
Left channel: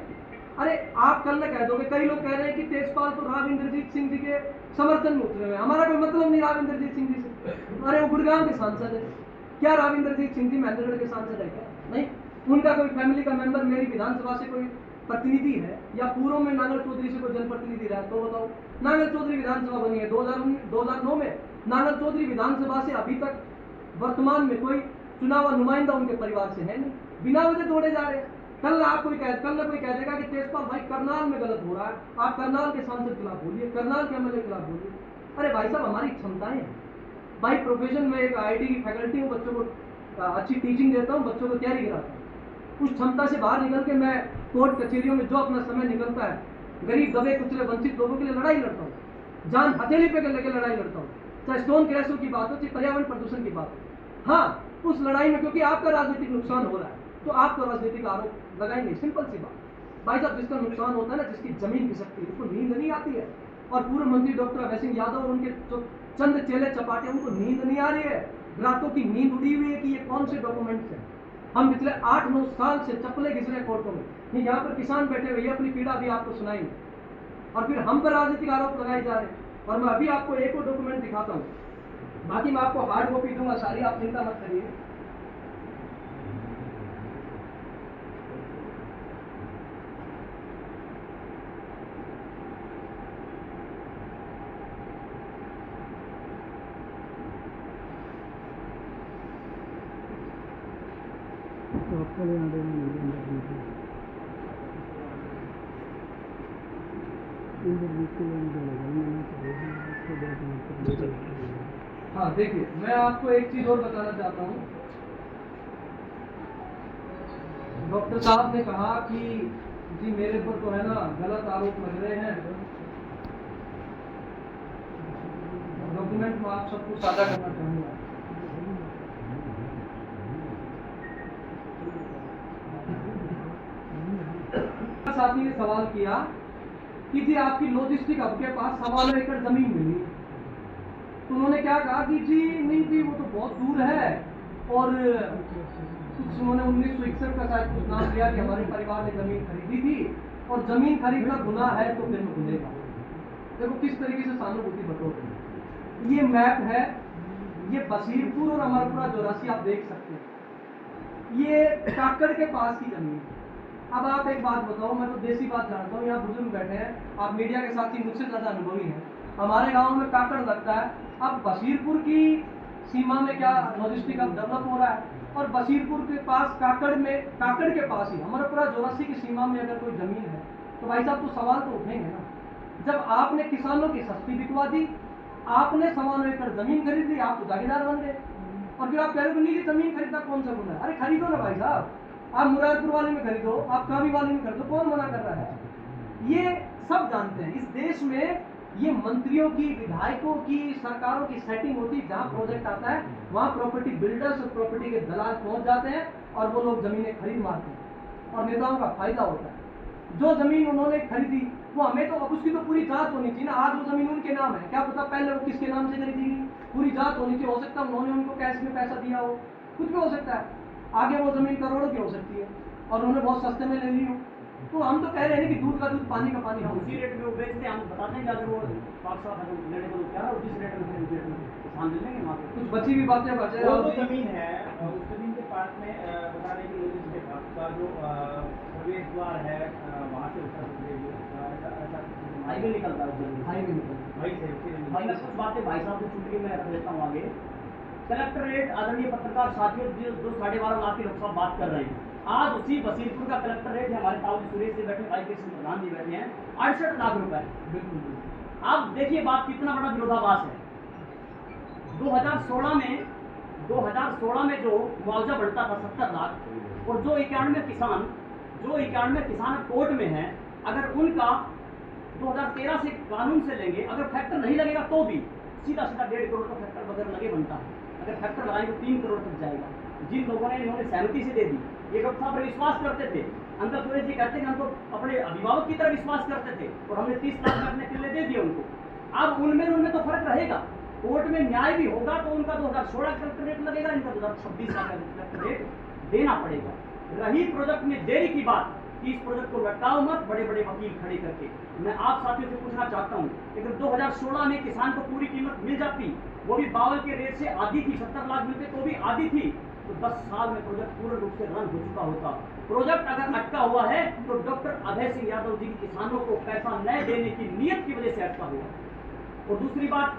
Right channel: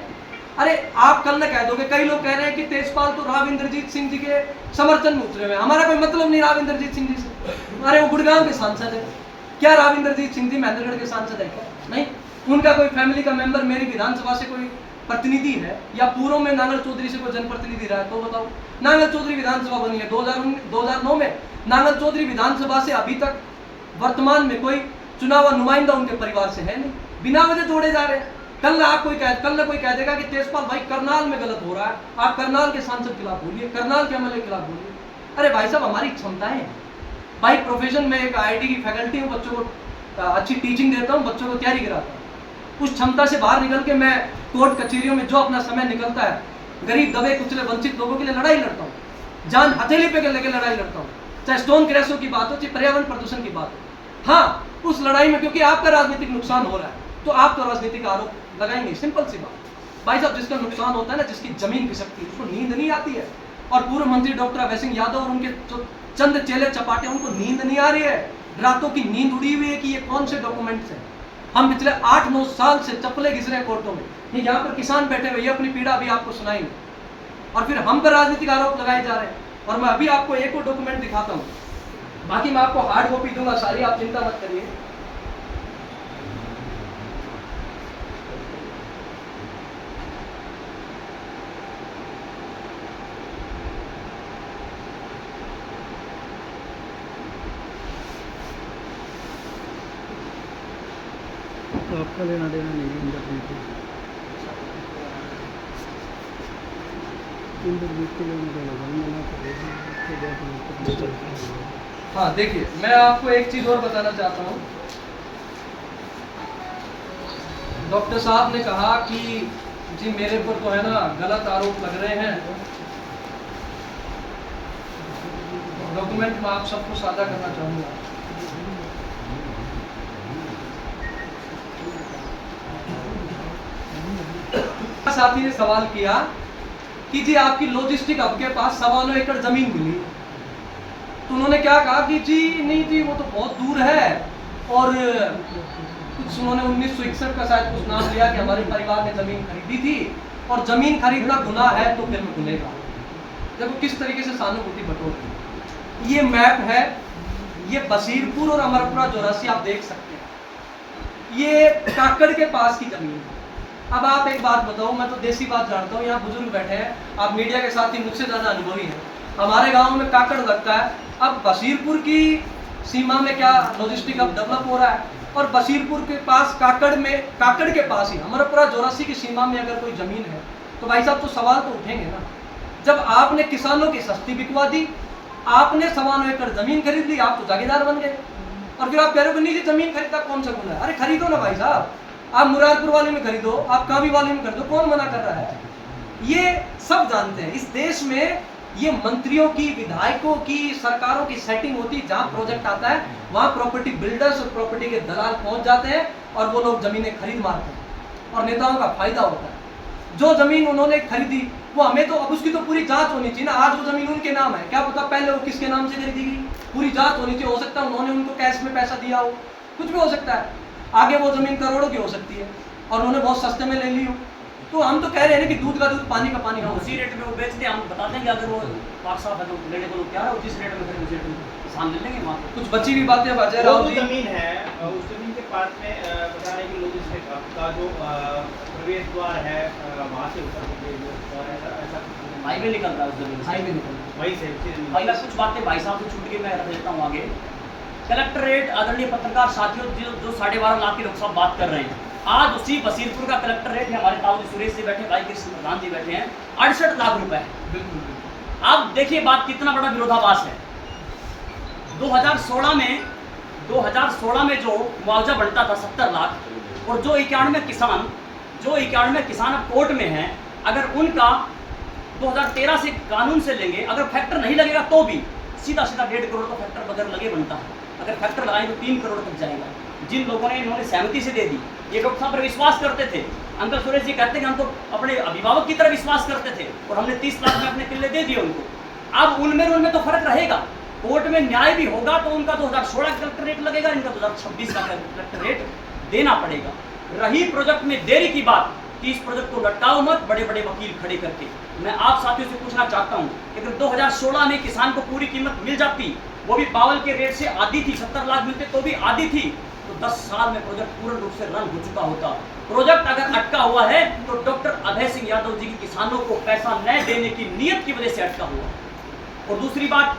अरे आप कल न कह दोगे, कई लोग कह रहे हैं कि तेजपाल तो राव इंद्रजीत सिंह जी के समर्थन में उतरे हुए, हमारा कोई मतलब नहीं राव इंद्रजीत सिंह जी से। अरे वो गुड़गांव के सांसद है, क्या राव इंद्रजीत सिंह जी महेंद्रगढ़ के सांसद है क्या? नहीं। उनका कोई फैमिली का मेंबर मेरी विधानसभा से कोई प्रतिनिधि है, या पूर्व में नांगल चौधरी से कोई जनप्रतिनिधि रहा है तो बताओ। नांगल चौधरी विधानसभा बनी है 2009 में। नांगल चौधरी विधानसभा से अभी तक वर्तमान में कोई चुनाव नुमाइंदा उनके परिवार से है नहीं, बिना वजह जोड़े जा रहे हैं। कल कोई कह देगा कि तेजपाल भाई करनाल में गलत हो रहा है, आप करनाल के सांसद के खिलाफ बोलिए, करनाल के एमएलए के खिलाफ बोलिए। अरे भाई साहब, हमारी क्षमताएं हैं भाई। प्रोफेशन में एक आईआईटी की फैकल्टी हूँ, बच्चों को अच्छी टीचिंग देता हूँ, बच्चों को तैयारी कराता हूँ। उस क्षमता से बाहर निकल के मैं कोर्ट कचहरियों में जो अपना समय निकलता है, गरीब दबे कुचले वंचित लोगों के लिए लड़ाई लड़ता हूँ, जान हथेली पे लेकर लड़ाई लड़ता हूँ, चाहे स्टोन क्रैशों की बात हो, चाहे पर्यावरण प्रदूषण की बात हो। हाँ, उस लड़ाई में क्योंकि आपका राजनीतिक नुकसान हो रहा है तो आप तो राजनीतिक आरोप लगाएंगे, सिंपल सी बात। भाई साहब, जिसका नुकसान होता है ना, जिसकी जमीन खिसकती है, उसको नींद नहीं आती है। और पूर्व मंत्री डॉक्टर अभय सिंह यादव और उनके जो चंद चेले चपाटे, उनको नींद नहीं आ रही है, रातों की नींद उड़ी हुई है कि ये कौन से डॉक्यूमेंट्स हैं। हम पिछले 8-9 साल से चप्पलें घिस रहे हैं कोर्टों में, ये यहाँ पर किसान बैठे हुए, ये अपनी पीड़ा भी आपको सुनाएंगे, और फिर हम पर राजनीतिक आरोप लगाए जा रहे हैं। और मैं अभी आपको एक और डॉक्यूमेंट दिखाता हूँ, बाकी मैं आपको हार्ड कॉपी दूंगा सारी, आप चिंता मत करिए। तो आपका लेना देना नहीं है इंद्रजीत को लेना देना हाँ, देखिए मैं आपको एक चीज और बताना चाहता हूँ। डॉक्टर साहब ने कहा कि जी मेरे पर तो है ना गलत आरोप लग रहे हैं। डॉक्यूमेंट मैं आप सबको साझा करना चाहूंगा। साथी ने सवाल किया कि जी आपकी लॉजिस्टिक हब के पास 1.25 एकड़ जमीन मिली, तो उन्होंने क्या कहा कि जी नहीं जी वो तो बहुत दूर है, और कुछ उन्होंने 1961 का शायद कुछ नाम लिया कि हमारे परिवार ने जमीन खरीदी थी, और जमीन खरीदना गुनाह है तो फिर मैं गुनेगा। देखो किस तरीके से सहानुभूति बटोर। ये मैप है, ये बसीरपुर और अमरपुरा जोरासी आप देख सकते हैं, ये काकड़ के पास की जमीन है। अब आप एक बात बताओ, मैं तो देसी बात जानता हूँ, यहाँ बुजुर्ग बैठे हैं, आप मीडिया के साथ ही मुझसे ज़्यादा अनुभवी हैं। हमारे गांव में काकड़ लगता है, अब बशीरपुर की सीमा में क्या लॉजिस्टिक अब डेवलप हो रहा है, और बशीरपुर के पास काकड़ के पास ही हमारा पूरा जोरासी की सीमा में अगर कोई ज़मीन है तो भाई साहब तो सवाल तो उठेंगे ना। जब आपने किसानों की सस्ती बिकवा दी, आपने 9.25 एकड़ ज़मीन खरीद ली, आप तो जागीरदार बन गए, और फिर आप कह रहे हो कि नहीं जी ज़मीन खरीदना कौन सा गुना है। अरे खरीदो ना भाई साहब, आप मुरादपुर वाले में खरीदो, आप कावी वाले में खरीदो, कौन मना कर रहा है। ये सब जानते हैं। इस देश में ये मंत्रियों की, विधायकों की, सरकारों की सेटिंग होती है, जहां प्रोजेक्ट आता है वहां प्रॉपर्टी बिल्डर्स और प्रॉपर्टी के दलाल पहुंच जाते हैं और वो लोग जमीनें खरीद मारते हैं और नेताओं का फायदा होता है। जो जमीन उन्होंने खरीदी वो हमें तो, अब उसकी तो पूरी जांच होनी चाहिए ना। आज वो जमीन उनके नाम है, क्या पता पहले वो किसके नाम से खरीदी गई, पूरी जांच होनी चाहिए। हो सकता है उन्होंने उनको कैश में पैसा दिया हो, कुछ भी हो सकता है। आगे वो जमीन करोड़ों की हो सकती है और उन्होंने बहुत सस्ते में ले ली हो। तो हम तो कह रहे हैं कि दूध का दूध, पानी का पानी। हम उसी रेट में वो बेचते हैं, हम बता देंगे अगर वो पाक साहब है तो लेने को लोग क्या है, जिस रेट में उसी रेट में किसान ले लेंगे वहाँ। कुछ बची हुई बातें अजय वो राव जो जी, जमीन है उस जमीन के पास में बताने की लॉजिस्टिक का जो प्रवेश द्वार है वहाँ से उतर के जो ऐसा हाईवे निकल रहा है उस जमीन से। हाईवे निकल वहीं से भाई मैं कुछ बातें भाई साहब से छूट के मैं रख लेता हूँ आगे। कलेक्ट्रेट, आदरणीय पत्रकार साथियों, जो 12.5 लाख की लोग सब बात कर रहे हैं, आज उसी बशीरपुर का कलेक्ट्रेट है, हमारे ताऊ जी सुरेश जी बैठे, भाई कृष्ण प्रधान जी बैठे हैं, 68 लाख रुपए है। बिल्कुल। अब देखिए बात कितना बड़ा विरोधाभास है। 2016 में जो मुआवजा बढ़ता था 70 लाख, और जो 91 किसान अब कोर्ट में हैं, अगर उनका 2013 से कानून से लेंगे, अगर फैक्टर नहीं लगेगा तो भी सीधा 1.5 करोड़ का फैक्टर बगैर लगे बनता है। अगर फैक्टर लगाएं तो 3 करोड़ तक जाएगा। जिन लोगों ने इन्होंने सहमति से दे दी, ये डॉक्टर साहब पर विश्वास करते थे। अंकल सुरेश जी कहते हैं कि हम तो अपने अभिभावक की तरह विश्वास करते थे और हमने 30 लाख में अपने किले दे दिए उनको। अब उनमें तो फर्क रहेगा, कोर्ट में न्याय भी होगा तो उनका 2016 का कलेक्टर रेट लगेगा, इनका 2026 का कलेक्टर रेट देना पड़ेगा। रही प्रोजेक्ट में देरी की बात कि इस प्रोजेक्ट को लटकाओ मत बड़े बड़े वकील खड़े करके। मैं आप साथियों से पूछना चाहता हूं कि अगर 2016 में किसान को पूरी कीमत मिल जाती, वो भी बावल के रेट से आधी थी, 70 लाख मिलते तो भी आधी थी, तो 10 साल में प्रोजेक्ट पूर्ण रूप से रन हो चुका होता। प्रोजेक्ट अगर अटका हुआ है तो डॉक्टर अभय सिंह यादव जी की किसानों को पैसा न देने की नीयत की वजह से अटका हुआ। और दूसरी बात,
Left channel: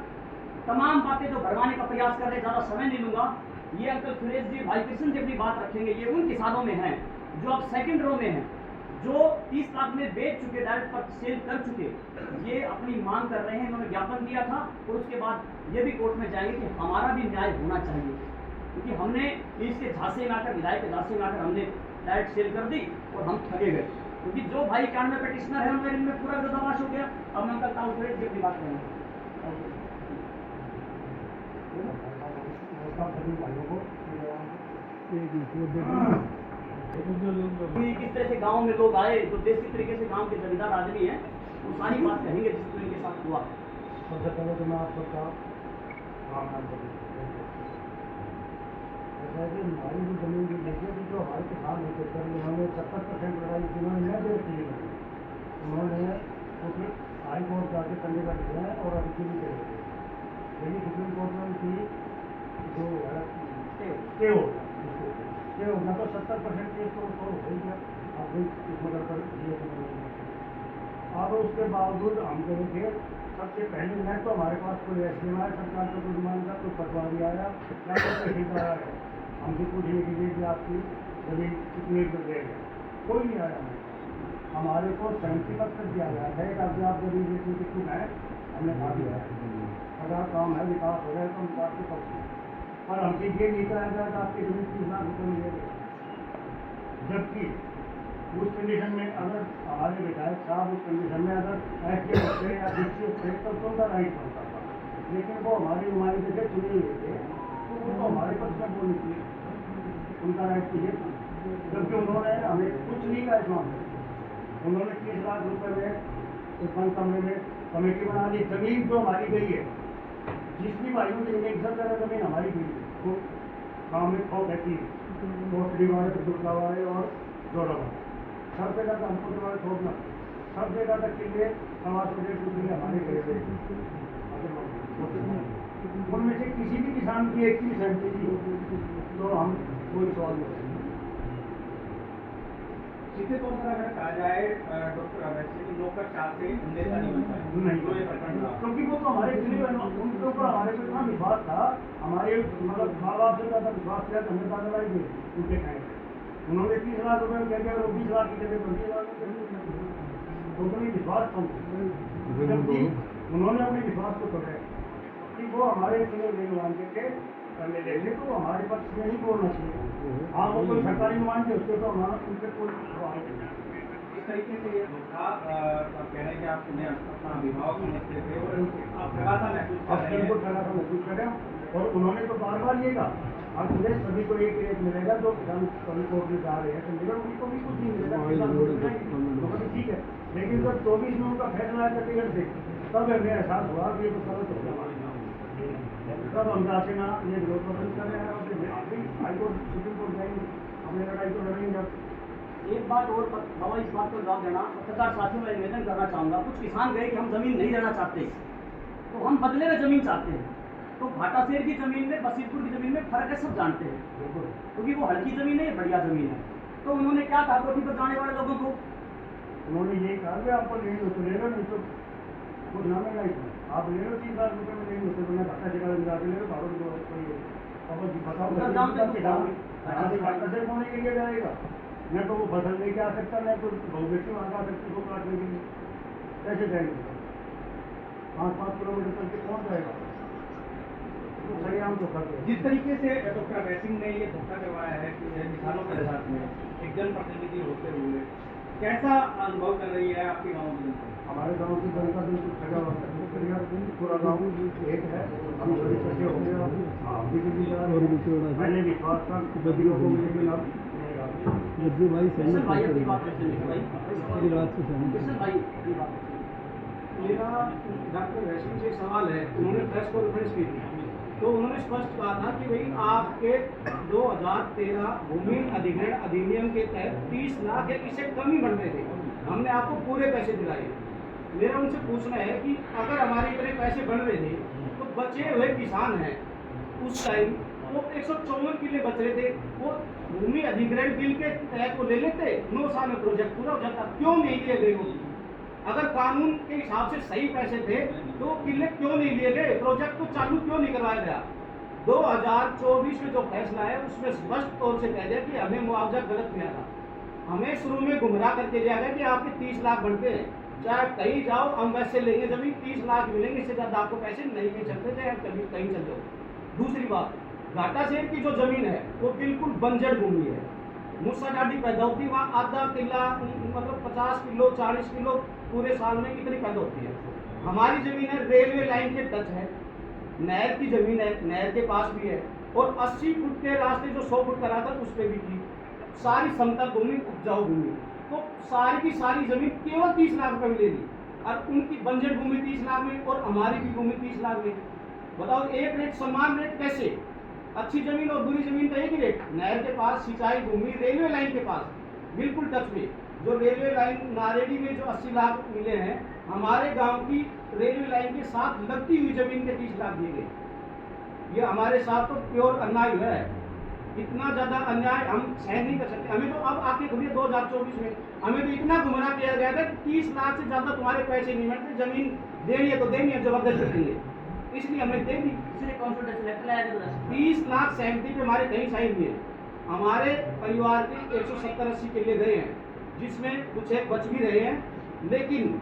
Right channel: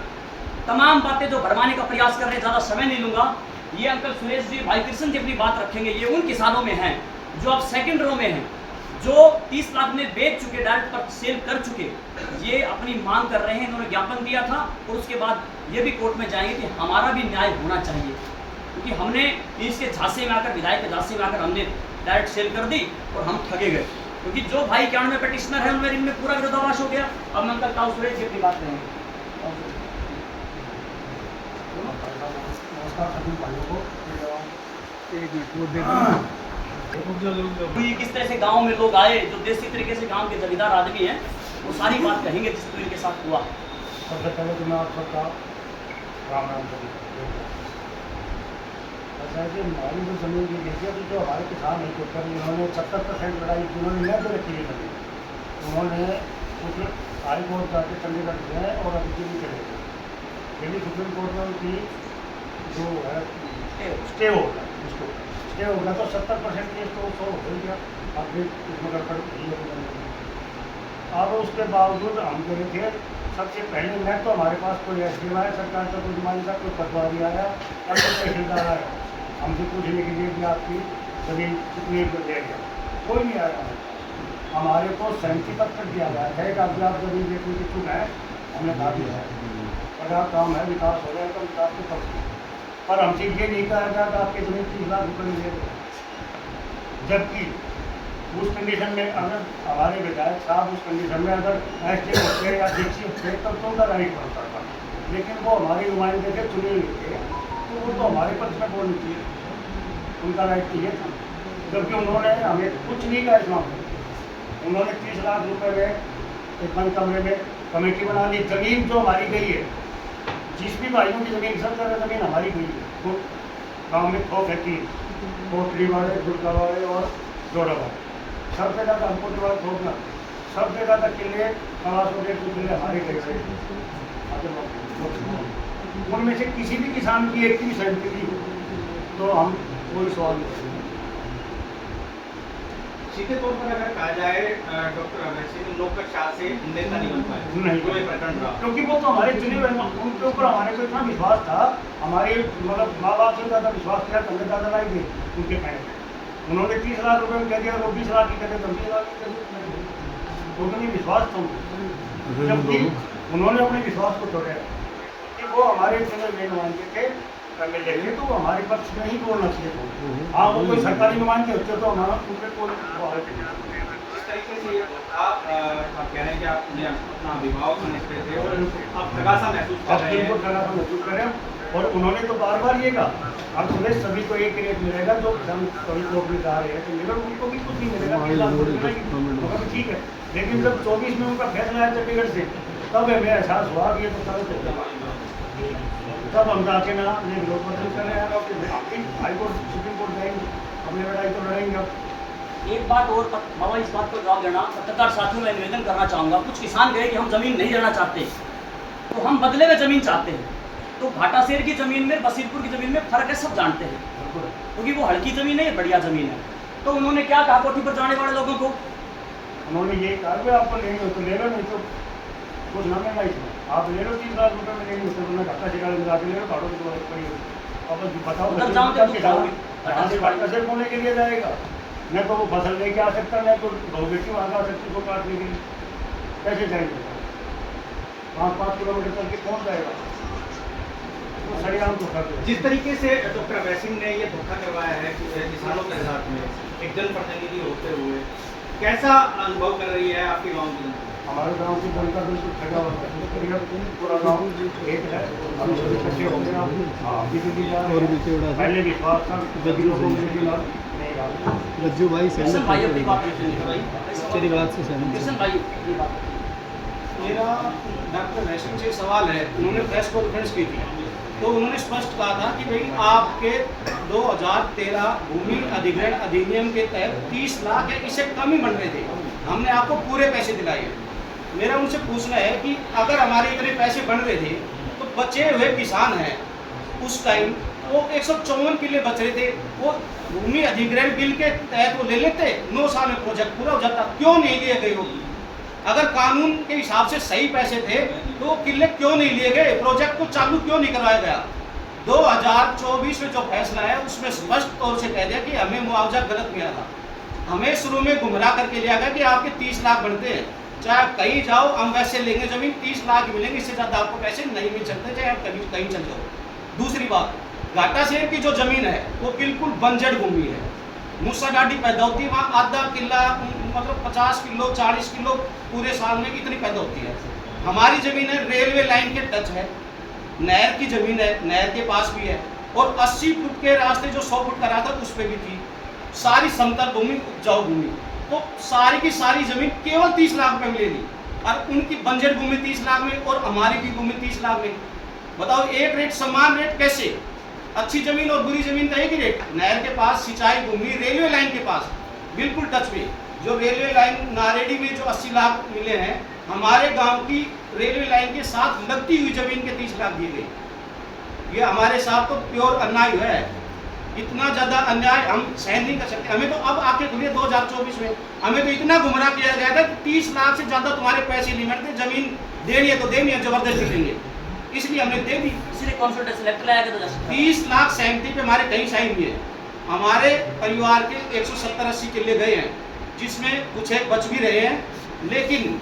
तमाम बातें जो भरमाने का प्रयास कर रहे हैं, ज़्यादा समय नहीं लूंगा। ये अंकल सुरेश जी, भाई कृष्ण जी अपनी बात रखेंगे। ये उन किसानों में हैं जो अब सेकंड रो में हैं, जो 30 लाख में बेच चुके, डायरेक्ट पर सेल कर चुके, ये अपनी मांग कर रहे हैं। इन्होंने ज्ञापन दिया था और उसके बाद ये भी कोर्ट में जाएंगे कि हमारा भी न्याय होना चाहिए, क्योंकि हमने इसके झांसे में आकर, विधायक के झांसे में आकर हमने डायरेक्ट सेल कर दी और हम ठगे गए। क्योंकि जो भाई 91 पेटिशनर है उनमें इनमें पूरा विरोधाभास हो गया। अब मैं अंकल ताऊ सुरेश जी अपनी बात करेंगे। नमस्कार सभी भाइयों को। एक मिनट वो दे तो ये किस तरह से गांव में लोग आए, जो देसी तरीके से गांव के जमींदार आदमी हैं, वो सारी बात कहेंगे जिस तो इनके साथ हुआ। सबसे पहले तो मैं आप सबका राम राम करूँ। ऐसा है कि हमारी जो जमीन की देखिए तो जो हमारे किसान हैं के ऊपर इन्होंने 70% लड़ाई जिन्होंने न दे रखी है जमीन, उन्होंने कुछ हाई कोर्ट जाके चंडीगढ़ गए और अभी भी चले गए। दिल्ली सुप्रीम कोर्ट में उनकी जो है स्टे हो गया, उसको स्टे हो गया तो 70% केस तो सो हो गया। अब भी इसमें गड़बड़ अब उसके बावजूद हम कह रहे थे सबसे पहले न तो हमारे पास कोई एसडीएम आया सरकार का, कोई नुमाइंदा का, कोई पटवारी आया या कोई तहसीलदार आया हमसे पूछने के लिए कि आपकी जमीन कितनी दे गया, कोई नहीं आया। हमारे को सहमति पत्र दिया गया है कि अगर आप जमीन देखने की चुन है, हमने कहा दिया है अगर काम है, विकास हो गया तो विकास के पक्ष, पर हमसे ये नहीं कहा गया कि आपकी जमीन 30 लाख रुपये मिलेगा। जबकि उस कंडीशन में अगर हमारे विधायक साहब उस कंडीशन में अगर एसडीएम होते या डीसी होते तब तो उनका राइट बनता था, लेकिन वो हमारे नुमाइंदे के चुने हुए थे तो वो तो हमारे पक्ष में बोलनी चाहिए, उनका राइट तो ये था। जबकि उन्होंने हमें कुछ नहीं कहा इस मामले में। उन्होंने 30 लाख रुपये में एक बंद कमरे में कमेटी बना ली। जमीन जो हमारी गई है, जिस भी भाइयों की जमीन, सब जगह जमीन हमारी गई है। तो गाँव में खौफ है 3, कोटली वाले, दुर्गा वाले और जोड़ा वाले, सब जगह का हमको वाले थोपना, सब जगह तक किले आवास हो गए, किले हमारे गए। उनमें से किसी भी किसान की एक की सहमति की तो हम कोई सवाल नहीं। सीधे तौर पर अगर कहा जाए डॉक्टर अभय सिंह नौकरशाह से नेता नहीं बन पाए नहीं। जो ये प्रकरण रहा। क्योंकि वो तो हमारे चुने हुए हैं, उनके ऊपर हमारे को इतना विश्वास था, हमारे मतलब माँ बाप से ज़्यादा विश्वास किया तो हमें ज़्यादा लाई गई उनके कहने पे। उन्होंने 30 लाख रुपए में कह दिया, वो 20 लाख की कहते 20 लाख की कहते, उनको नहीं विश्वास था उनको। जबकि उन्होंने अपने विश्वास को तोड़ा कि वो हमारे चुने हुए नुमाइंदे थे, एमएलए थे, तो हमारे पक्ष में ही बोलना चाहिए। हाँ, वो कोई सरकारी नुमाइंदे होते तो हमारा उनके कोई जिस तरीके से ये था, आप कह रहे हैं कि आप उन्हें अपना अभिभावक समझते थे और आप थकासा महसूस कर रहे हैं। थकासा महसूस करें। और उन्होंने तो बार बार ये कहा अब तुम्हें सभी को एक रेट मिलेगा, जो सभी लोग भी जा रहे हैं तो मिलेगा, उनको भी कुछ नहीं मिलेगा, 3 लाख रुपए मिलेगी, मगर ठीक है। लेकिन जब 24 में उनका फैसला आया चंडीगढ़ से, तब हमें एहसास हुआ कि ये तो गलत होगा। तब हम जाके ना ये विरोध प्रदर्शन कर रहे हैं और फिर हाईकोर्ट सुप्रीम कोर्ट जाएंगे, अपनी लड़ाई तो लड़ेंगे। एक बात और बाबा, इस बात पर जवाब देना। पत्रकार साथियों में निवेदन करना चाहूँगा, कुछ किसान गए कि हम ज़मीन नहीं लेना चाहते, तो हम बदले में ज़मीन चाहते हैं। तो घाटाशेर की ज़मीन में, बसीरपुर की ज़मीन में फ़र्क है, सब जानते हैं, क्योंकि वो हल्की ज़मीन है, ये बढ़िया ज़मीन है। तो उन्होंने क्या कहा कोठी पर जाने वाले लोगों को? उन्होंने ये कहा कि आपको लेंगे हो तो ले लो, नहीं तो कुछ ना मिलना इसमें, आप ले लो 30 लाख रुपए में लेंगे तो मैं घाटा शिकार मिला के ले लो, भाड़ों की तो पड़ी हो। अब बताओ उधर जाओ तो दुख पाओगे। यहाँ से घाटाशेर होने के लिए जाएगा, न तो वो फसल लेके आ सकता, न तो बहु बेटी वहाँ आ सकती को काटने के लिए, कैसे जाएंगे? 5-5 किलोमीटर चल के कौन जाएगा? तो सरेआम तो कर दो। जिस तरीके से डॉक्टर अभय सिंह ने ये धोखा करवाया है कि किसानों के साथ में एक जनप्रतिनिधि होते हुए, कैसा अनुभव कर रही है आपके गांव की जनता? हमारे गांव की जनता बिल्कुल ठगा हुआ है, पूरा गांव एक है, अभी सभी इकट्ठे हो गए हैं। हाँ, अभी भी जा रहे हैं। पहले विश्वास था सभी लोगों में, लेकिन अब नहीं रहा। रज्जू भाई किशन भाई अपनी बात तेरी बात से सहमत हूं। किशन भाई ये बात मेरा डॉक्टर वैष्णव से सवाल है, उन्होंने प्रेस कॉन्फ्रेंस की थी तो उन्होंने स्पष्ट कहा था कि भाई आपके 2013 भूमि अधिग्रहण अधिनियम के तहत 30 लाख है, इससे कम ही बन रहे थे, हमने आपको पूरे पैसे दिलाए। मेरा उनसे पूछना है कि अगर हमारे इतने पैसे बन रहे थे तो बचे हुए किसान हैं उस टाइम वो 154 किले बच रहे थे, वो भूमि अधिग्रहण बिल के तहत वो ले लेते, 9 साल में प्रोजेक्ट पूरा हो जाता, क्यों नहीं लिए गए? वो अगर कानून के हिसाब से सही पैसे थे तो किले क्यों नहीं लिए गए? प्रोजेक्ट को चालू क्यों नहीं करवाया गया? 2024 में जो फैसला है उसमें स्पष्ट तौर से कह दिया कि हमें मुआवजा गलत मिला था, हमें शुरू में गुमराह करके लिया गया कि आपके 30 लाख बनते हैं, चाहे आप कहीं जाओ हम वैसे लेंगे जमीन, 30 लाख मिलेंगे, इससे ज़्यादा आपको पैसे नहीं मिल सकते, चाहे आप कहीं चल जाओ। दूसरी बात, घाटाशेर की जो ज़मीन है वो बिल्कुल बंजर भूमि है, मूसा डाडी पैदा होती है वहाँ, आधा किला मतलब 50 किलो 40 किलो पूरे साल में इतनी पैदा होती है। हमारी ज़मीन है रेलवे लाइन के टच है, नहर की ज़मीन है, नहर के पास भी है, और 80 फुट के रास्ते जो 100 फुट का रहा था उस पर भी थी, सारी समतल भूमि उपजाऊ भूमि, तो सारी की सारी ज़मीन केवल 30 लाख रुपए में ले ली, और उनकी बंजर भूमि 30 लाख में और हमारी भी भूमि 30 लाख में। बताओ एक रेट समान रेट कैसे? अच्छी ज़मीन और बुरी ज़मीन का एक ही रेट। नहर के पास सिंचाई भूमि, रेलवे लाइन के पास बिल्कुल टच में, जो रेलवे लाइन नारेडी में जो 80 लाख मिले हैं, हमारे गांव की रेलवे लाइन के साथ लगती हुई ज़मीन के 30 लाख दिए गए। ये हमारे साथ तो प्योर अन्याय है, इतना ज़्यादा अन्याय हम सहन नहीं कर सकते। हमें तो अब आके खुली 2024 में हमें तो इतना गुमराह किया गया था कि 30 लाख से ज़्यादा तुम्हारे पैसे नहीं मिलते, ज़मीन देनी है तो देनी है, जबरदस्ती देंगे, इसलिए हमने दे दी। इसलिए कंसल्टेंसी लेटर लाया गया था। 30 लाख सहमति पे हमारे कहीं साइन हुए हैं, हमारे परिवार के 170-80 किले गए हैं, जिसमें कुछ एक बच भी रहे हैं, लेकिन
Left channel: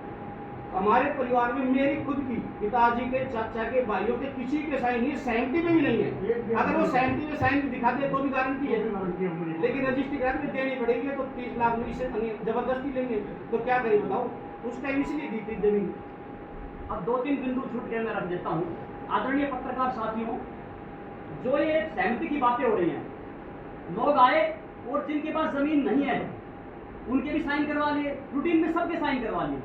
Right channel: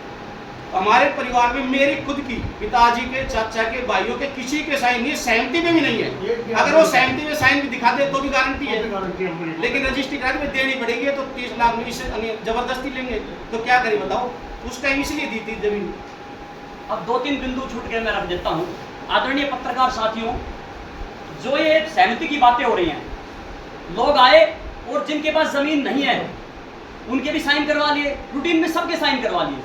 हमारे परिवार में मेरी खुद की, पिताजी के, चाचा के, भाइयों के किसी के साइन नहीं है, सहमति पे भी नहीं है। अगर वो सहमति में साइन भी दिखा दे तो भी गारंटी है, लेकिन रजिस्ट्री करा के देनी पड़ेगी, तो 30 लाख में इससे जबरदस्ती लेंगे तो क्या करें बताओ? उस टाइम इसलिए दी थी जमीन। अब 2-3 बिंदु छूट के मैं रख देता हूँ। आदरणीय पत्रकार साथियों, जो ये सहमति की बातें हो रही हैं, लोग आए और जिनके पास जमीन नहीं है उनके भी साइन करवा लिए, रूटीन में सबके साइन करवा लिए,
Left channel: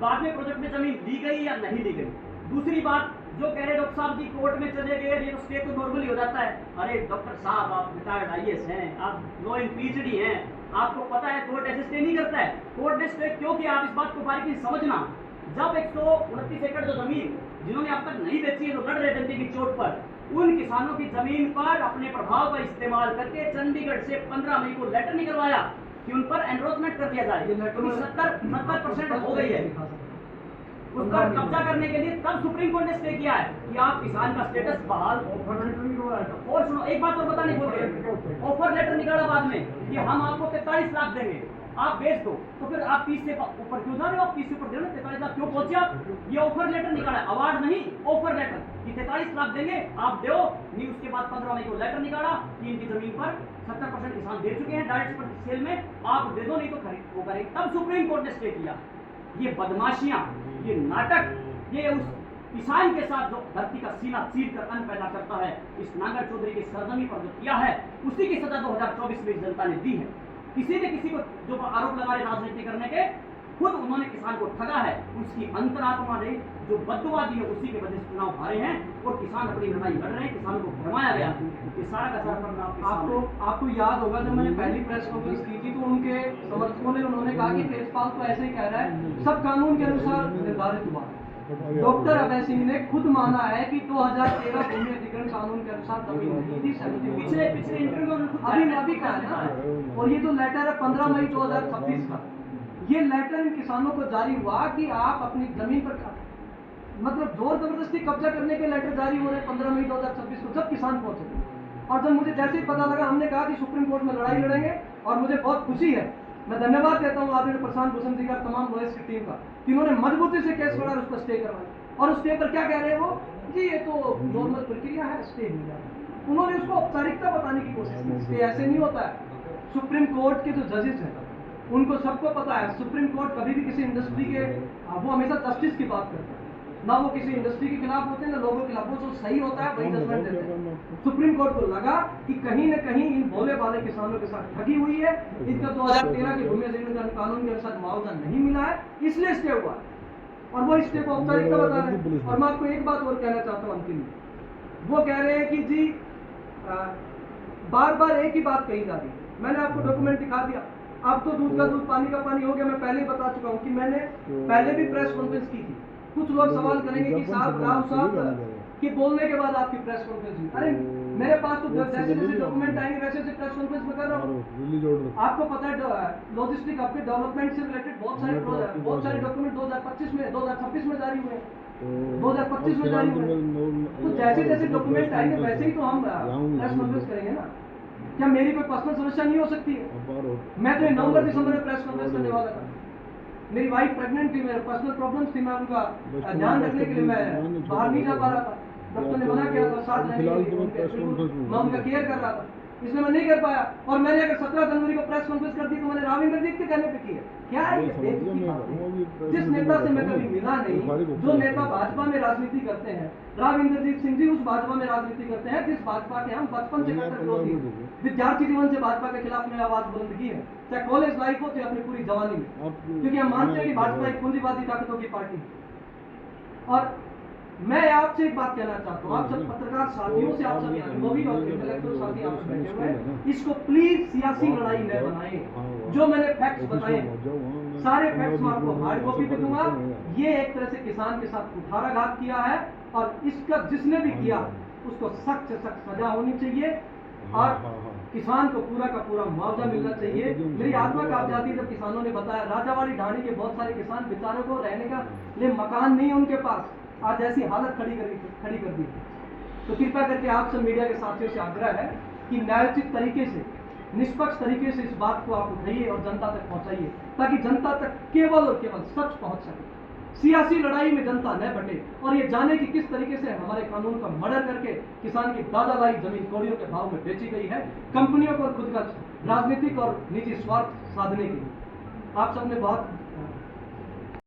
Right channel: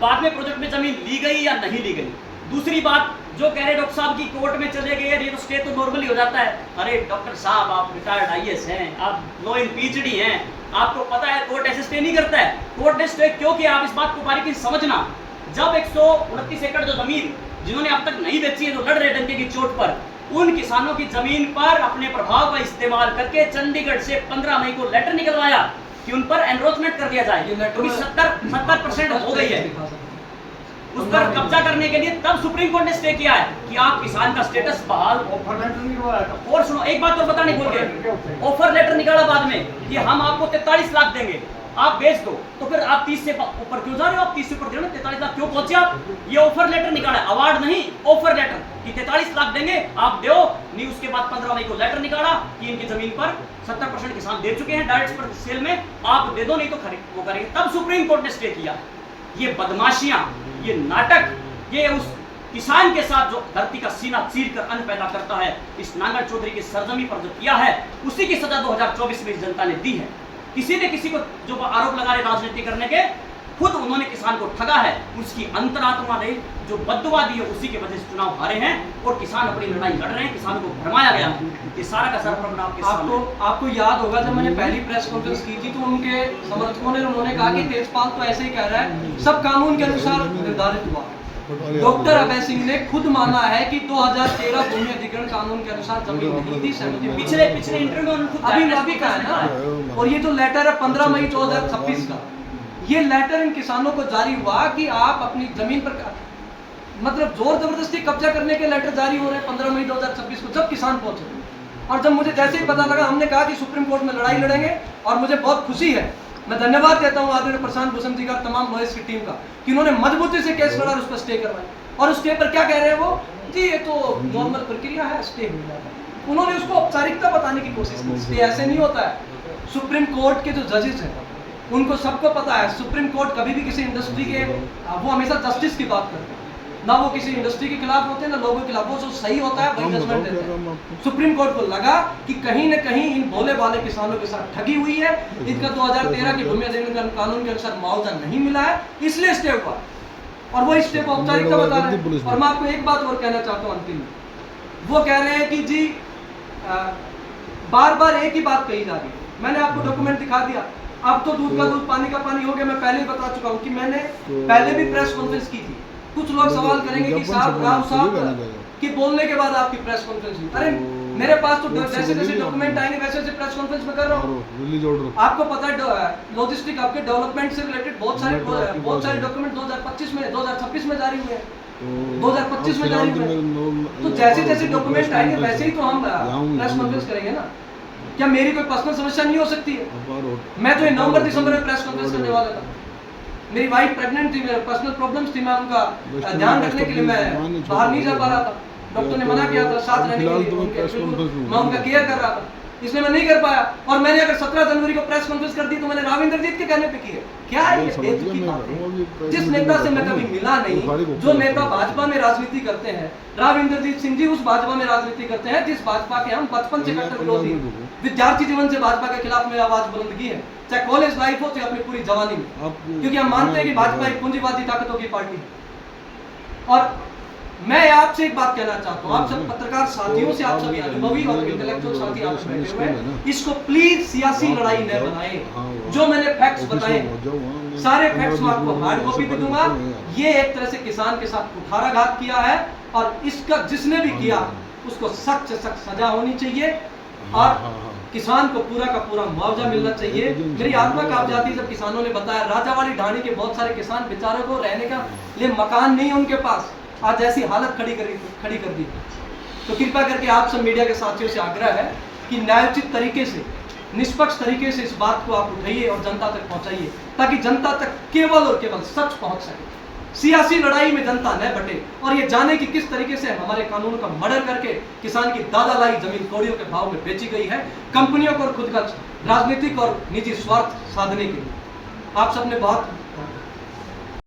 बाद में प्रोजेक्ट में जमीन ली गई या नहीं ली गई। दूसरी बात, जो कह रहे डॉक्टर साहब की कोर्ट में चले गए, ये तो स्टे तो नॉर्मली हो जाता है। अरे डॉक्टर साहब, आप रिटायर्ड IAS हैं, आप लॉ इन PhD हैं, आपको पता है कोर्ट ऐसे स्टे नहीं करता है। कोर्ट ने स्टे क्यों किया, आप इस बात को बारीकी से समझना। जब 129 एकड़ जो जमीन जिन्होंने अब तक नहीं बेची है, जो लड़ रहे डंके की चोट पर, उन किसानों की जमीन पर अपने प्रभाव का इस्तेमाल करके चंडीगढ़ से 15 मई को लेटर निकलवाया कि उन पर एनरोचमेंट कर दिया जाए, ये लेटर क्योंकि 70% हो गई है। उस पर कब्जा करने के लिए तब सुप्रीम कोर्ट ने स्टे किया है कि आप किसान का स्टेटस बहाल। ऑफर लेटर नहीं हुआ था। और सुनो, एक बात और बताने भूल गए, ऑफर लेटर निकाला बाद में कि हम आपको 43 लाख देंगे, आप बेच दो। तो फिर आप 30 से ऊपर क्यों जा रहे हो? आप 30 से ऊपर दे रहे हो, 43 लाख क्यों पहुंचे आप? ये ऑफर लेटर निकाला है, अवार्ड नहीं, ऑफर लेटर कि 43 लाख देंगे, आप दो नहीं। उसके बाद 15 मई को लेटर निकाला कि इनकी जमीन पर 70% किसान दे चुके हैं डायरेक्ट सेल में, आप दे दो नहीं तो खरीद वो करेंगे। तब सुप्रीम कोर्ट ने स्टे किया। ये बदमाशियां, ये नाटक, ये उस किसान के साथ जो धरती का सीना चीर कर अन्न पैदा करता है, इस नांगल चौधरी की सरजमी पर जो किया है, उसी की सजा 2024 में इस जनता ने दी है। किसी ने किसी को जो आरोप लगा रहे राजनीति करने के, खुद उन्होंने किसान को ठगा है, उसकी अंतरात्मा ने जो बद्दुआ दी है, उसी की वजह से चुनाव हारे हैं और किसान अपनी लड़ाई लड़ रहे हैं, किसानों को भरमाया गया है। ये सारा का सारा प्रश्न आपके सामने। आपको याद होगा जब मैंने पहली प्रेस कॉन्फ्रेंस की थी तो उनके समर्थकों ने उन्होंने कहा कि तेजपाल तो ऐसे ही कह रहा है, सब कानून के अनुसार निर्धारित हुआ। डॉक्टर अभय सिंह ने खुद माना है कि 2013 भूमि अधिग्रहण कानून के अनुसार जमीन नहीं थी, सहमति पिछले इंटरव्यू में उन्होंने खुद अभी कहा है ना। और ये जो लेटर है 15 मई 2026 का, ये लेटर इन किसानों को जारी हुआ कि आप अपनी जमीन पर मतलब जोर जबरदस्ती कब्जा करने के लेटर जारी हो रहे हैं 15 मई 2026 को, जब किसान पहुंचे। और जब मुझे जैसे ही पता लगा, हमने कहा कि सुप्रीम कोर्ट में लड़ाई लड़ेंगे। और मुझे बहुत खुशी है, मैं धन्यवाद देता हूं आदरणीय प्रशांत भूषण जी का, तमाम लॉयर्स की टीम का, कि उन्होंने मजबूती से केस लड़ा और उस पर स्टे करवाया। और उस स्टे पर क्या कह रहे हैं वो, जी ये तो नॉर्मल प्रक्रिया है, स्टे हो जाएगा। उन्होंने उसको औपचारिकता बताने की कोशिश की। स्टे ऐसे नहीं होता है। सुप्रीम कोर्ट के जो जजेस हैं उनको सबको पता है, सुप्रीम कोर्ट कभी भी किसी इंडस्ट्री के, वो हमेशा जस्टिस की बात करते हैं ना, वो किसी इंडस्ट्री के खिलाफ होते हैं ना लोगों के खिलाफ। वो जो सही होता है वही जजमेंट देते हैं। सुप्रीम कोर्ट को लगा कि कहीं न कहीं इन भोले भाले किसानों के साथ ठगी हुई है, इनका 2013 के भूमि अधिग्रहण कानून के अनुसार मुआवजा नहीं मिला है, इसलिए स्टे हुआ। और वो स्टे को औपचारिकता बता रहे हैं। और मैं आपको एक बात और कहना चाहता हूँ अंतिम में, वो कह रहे हैं कि जी बार बार एक ही बात कही जा रही है। मैंने आपको डॉक्यूमेंट दिखा दिया, अब तो दूध का दूध पानी का पानी हो गया। मैं पहले ही बता चुका हूँ कि मैंने पहले भी प्रेस कॉन्फ्रेंस की थी। कुछ लोग सवाल करेंगे कि साहब राव साहब कि बोलने के बाद आपकी प्रेस कॉन्फ्रेंस हुई। अरे मेरे पास तो जैसे जैसे डॉक्यूमेंट आएंगे वैसे वैसे प्रेस कॉन्फ्रेंस में कर रहा हूँ। आपको पता है लॉजिस्टिक आपके डेवलपमेंट से रिलेटेड बहुत सारे डॉक्यूमेंट 2025 में 2026 में जारी हुए हैं, 2025 में जारी हुए। तो जैसे जैसे डॉक्यूमेंट आएंगे वैसे ही तो हम प्रेस कॉन्फ्रेंस करेंगे ना। क्या मेरी कोई पर्सनल समस्या नहीं हो सकती है? मैं तो नवंबर दिसंबर में प्रेस कॉन्फ्रेंस करने वाला था। मेरी वाइफ प्रेग्नेंट थी, मेरे पर्सनल प्रॉब्लम्स थी, मैं उनका ध्यान रखने के लिए मैं बाहर नहीं जा पा रहा था। डॉक्टर ने मना किया था साथ रहने के लिए, मैं उनका केयर कर रहा था, इसलिए मैं नहीं कर पाया। और मैंने अगर 17 जनवरी को प्रेस कॉन्फ्रेंस कर दी तो मैंने राव इंद्रजीत के कहने पे की है। क्या ये बेतुकी बात है? जिस नेता से मैं कभी मिला नहीं, जो नेता भाजपा में राजनीति करते हैं, राव इंद्रजीत सिंह जी उस भाजपा में राजनीति करते हैं जिस भाजपा के हम बचपन से कट्टर विरोधी, विद्यार्थी जीवन से भाजपा के खिलाफ में आवाज बुलंद की है, चाहे कॉलेज लाइफ हो चाहे अपनी पूरी जवानी में, क्योंकि हम मानते हैं कि भाजपा एक पूंजीवादी ताकतों की पार्टी है। और मैं आपसे एक बात कहना चाहता हूँ, आप सब पत्रकार साथियों से, आप सभी अनुभवी और इंटेलेक्चुअल साथी आप बैठे हुए हैं, इसको प्लीज सियासी लड़ाई न बनाएं। जो मैंने फैक्ट्स बताए सारे फैक्ट्स मैं आपको हार्ड कॉपी पे दूंगा। ये एक तरह से किसान के साथ कुठाराघात किया है और इसका जिसने भी किया उसको सख्त से सख्त सजा होनी चाहिए और किसान को पूरा का पूरा मुआवजा मिलना चाहिए। मेरी आत्मा कांप जाती है जब किसानों ने बताया राजावाड़ी ढाणी के बहुत सारे किसान बेचारों को रहने का लिए मकान नहीं उनके पास, आज ऐसी हालत खड़ी कर दी। तो कृपया करके आप सब मीडिया के साथियों से आग्रह है कि न्यायोचित तरीके से, निष्पक्ष तरीके से इस बात को आप उठाइए और जनता तक पहुंचाइए, ताकि जनता तक केवल और केवल सच पहुंच सके। सियासी लड़ाई में जनता न बटे और ये जाने कि किस तरीके से हमारे कानून का मर्डर करके किसान की दादा लाई जमीन कौड़ियों के भाव में बेची गई है, कंपनियों को और खुद का राजनीतिक और निजी स्वार्थ साधने के लिए। आप सबने बहुत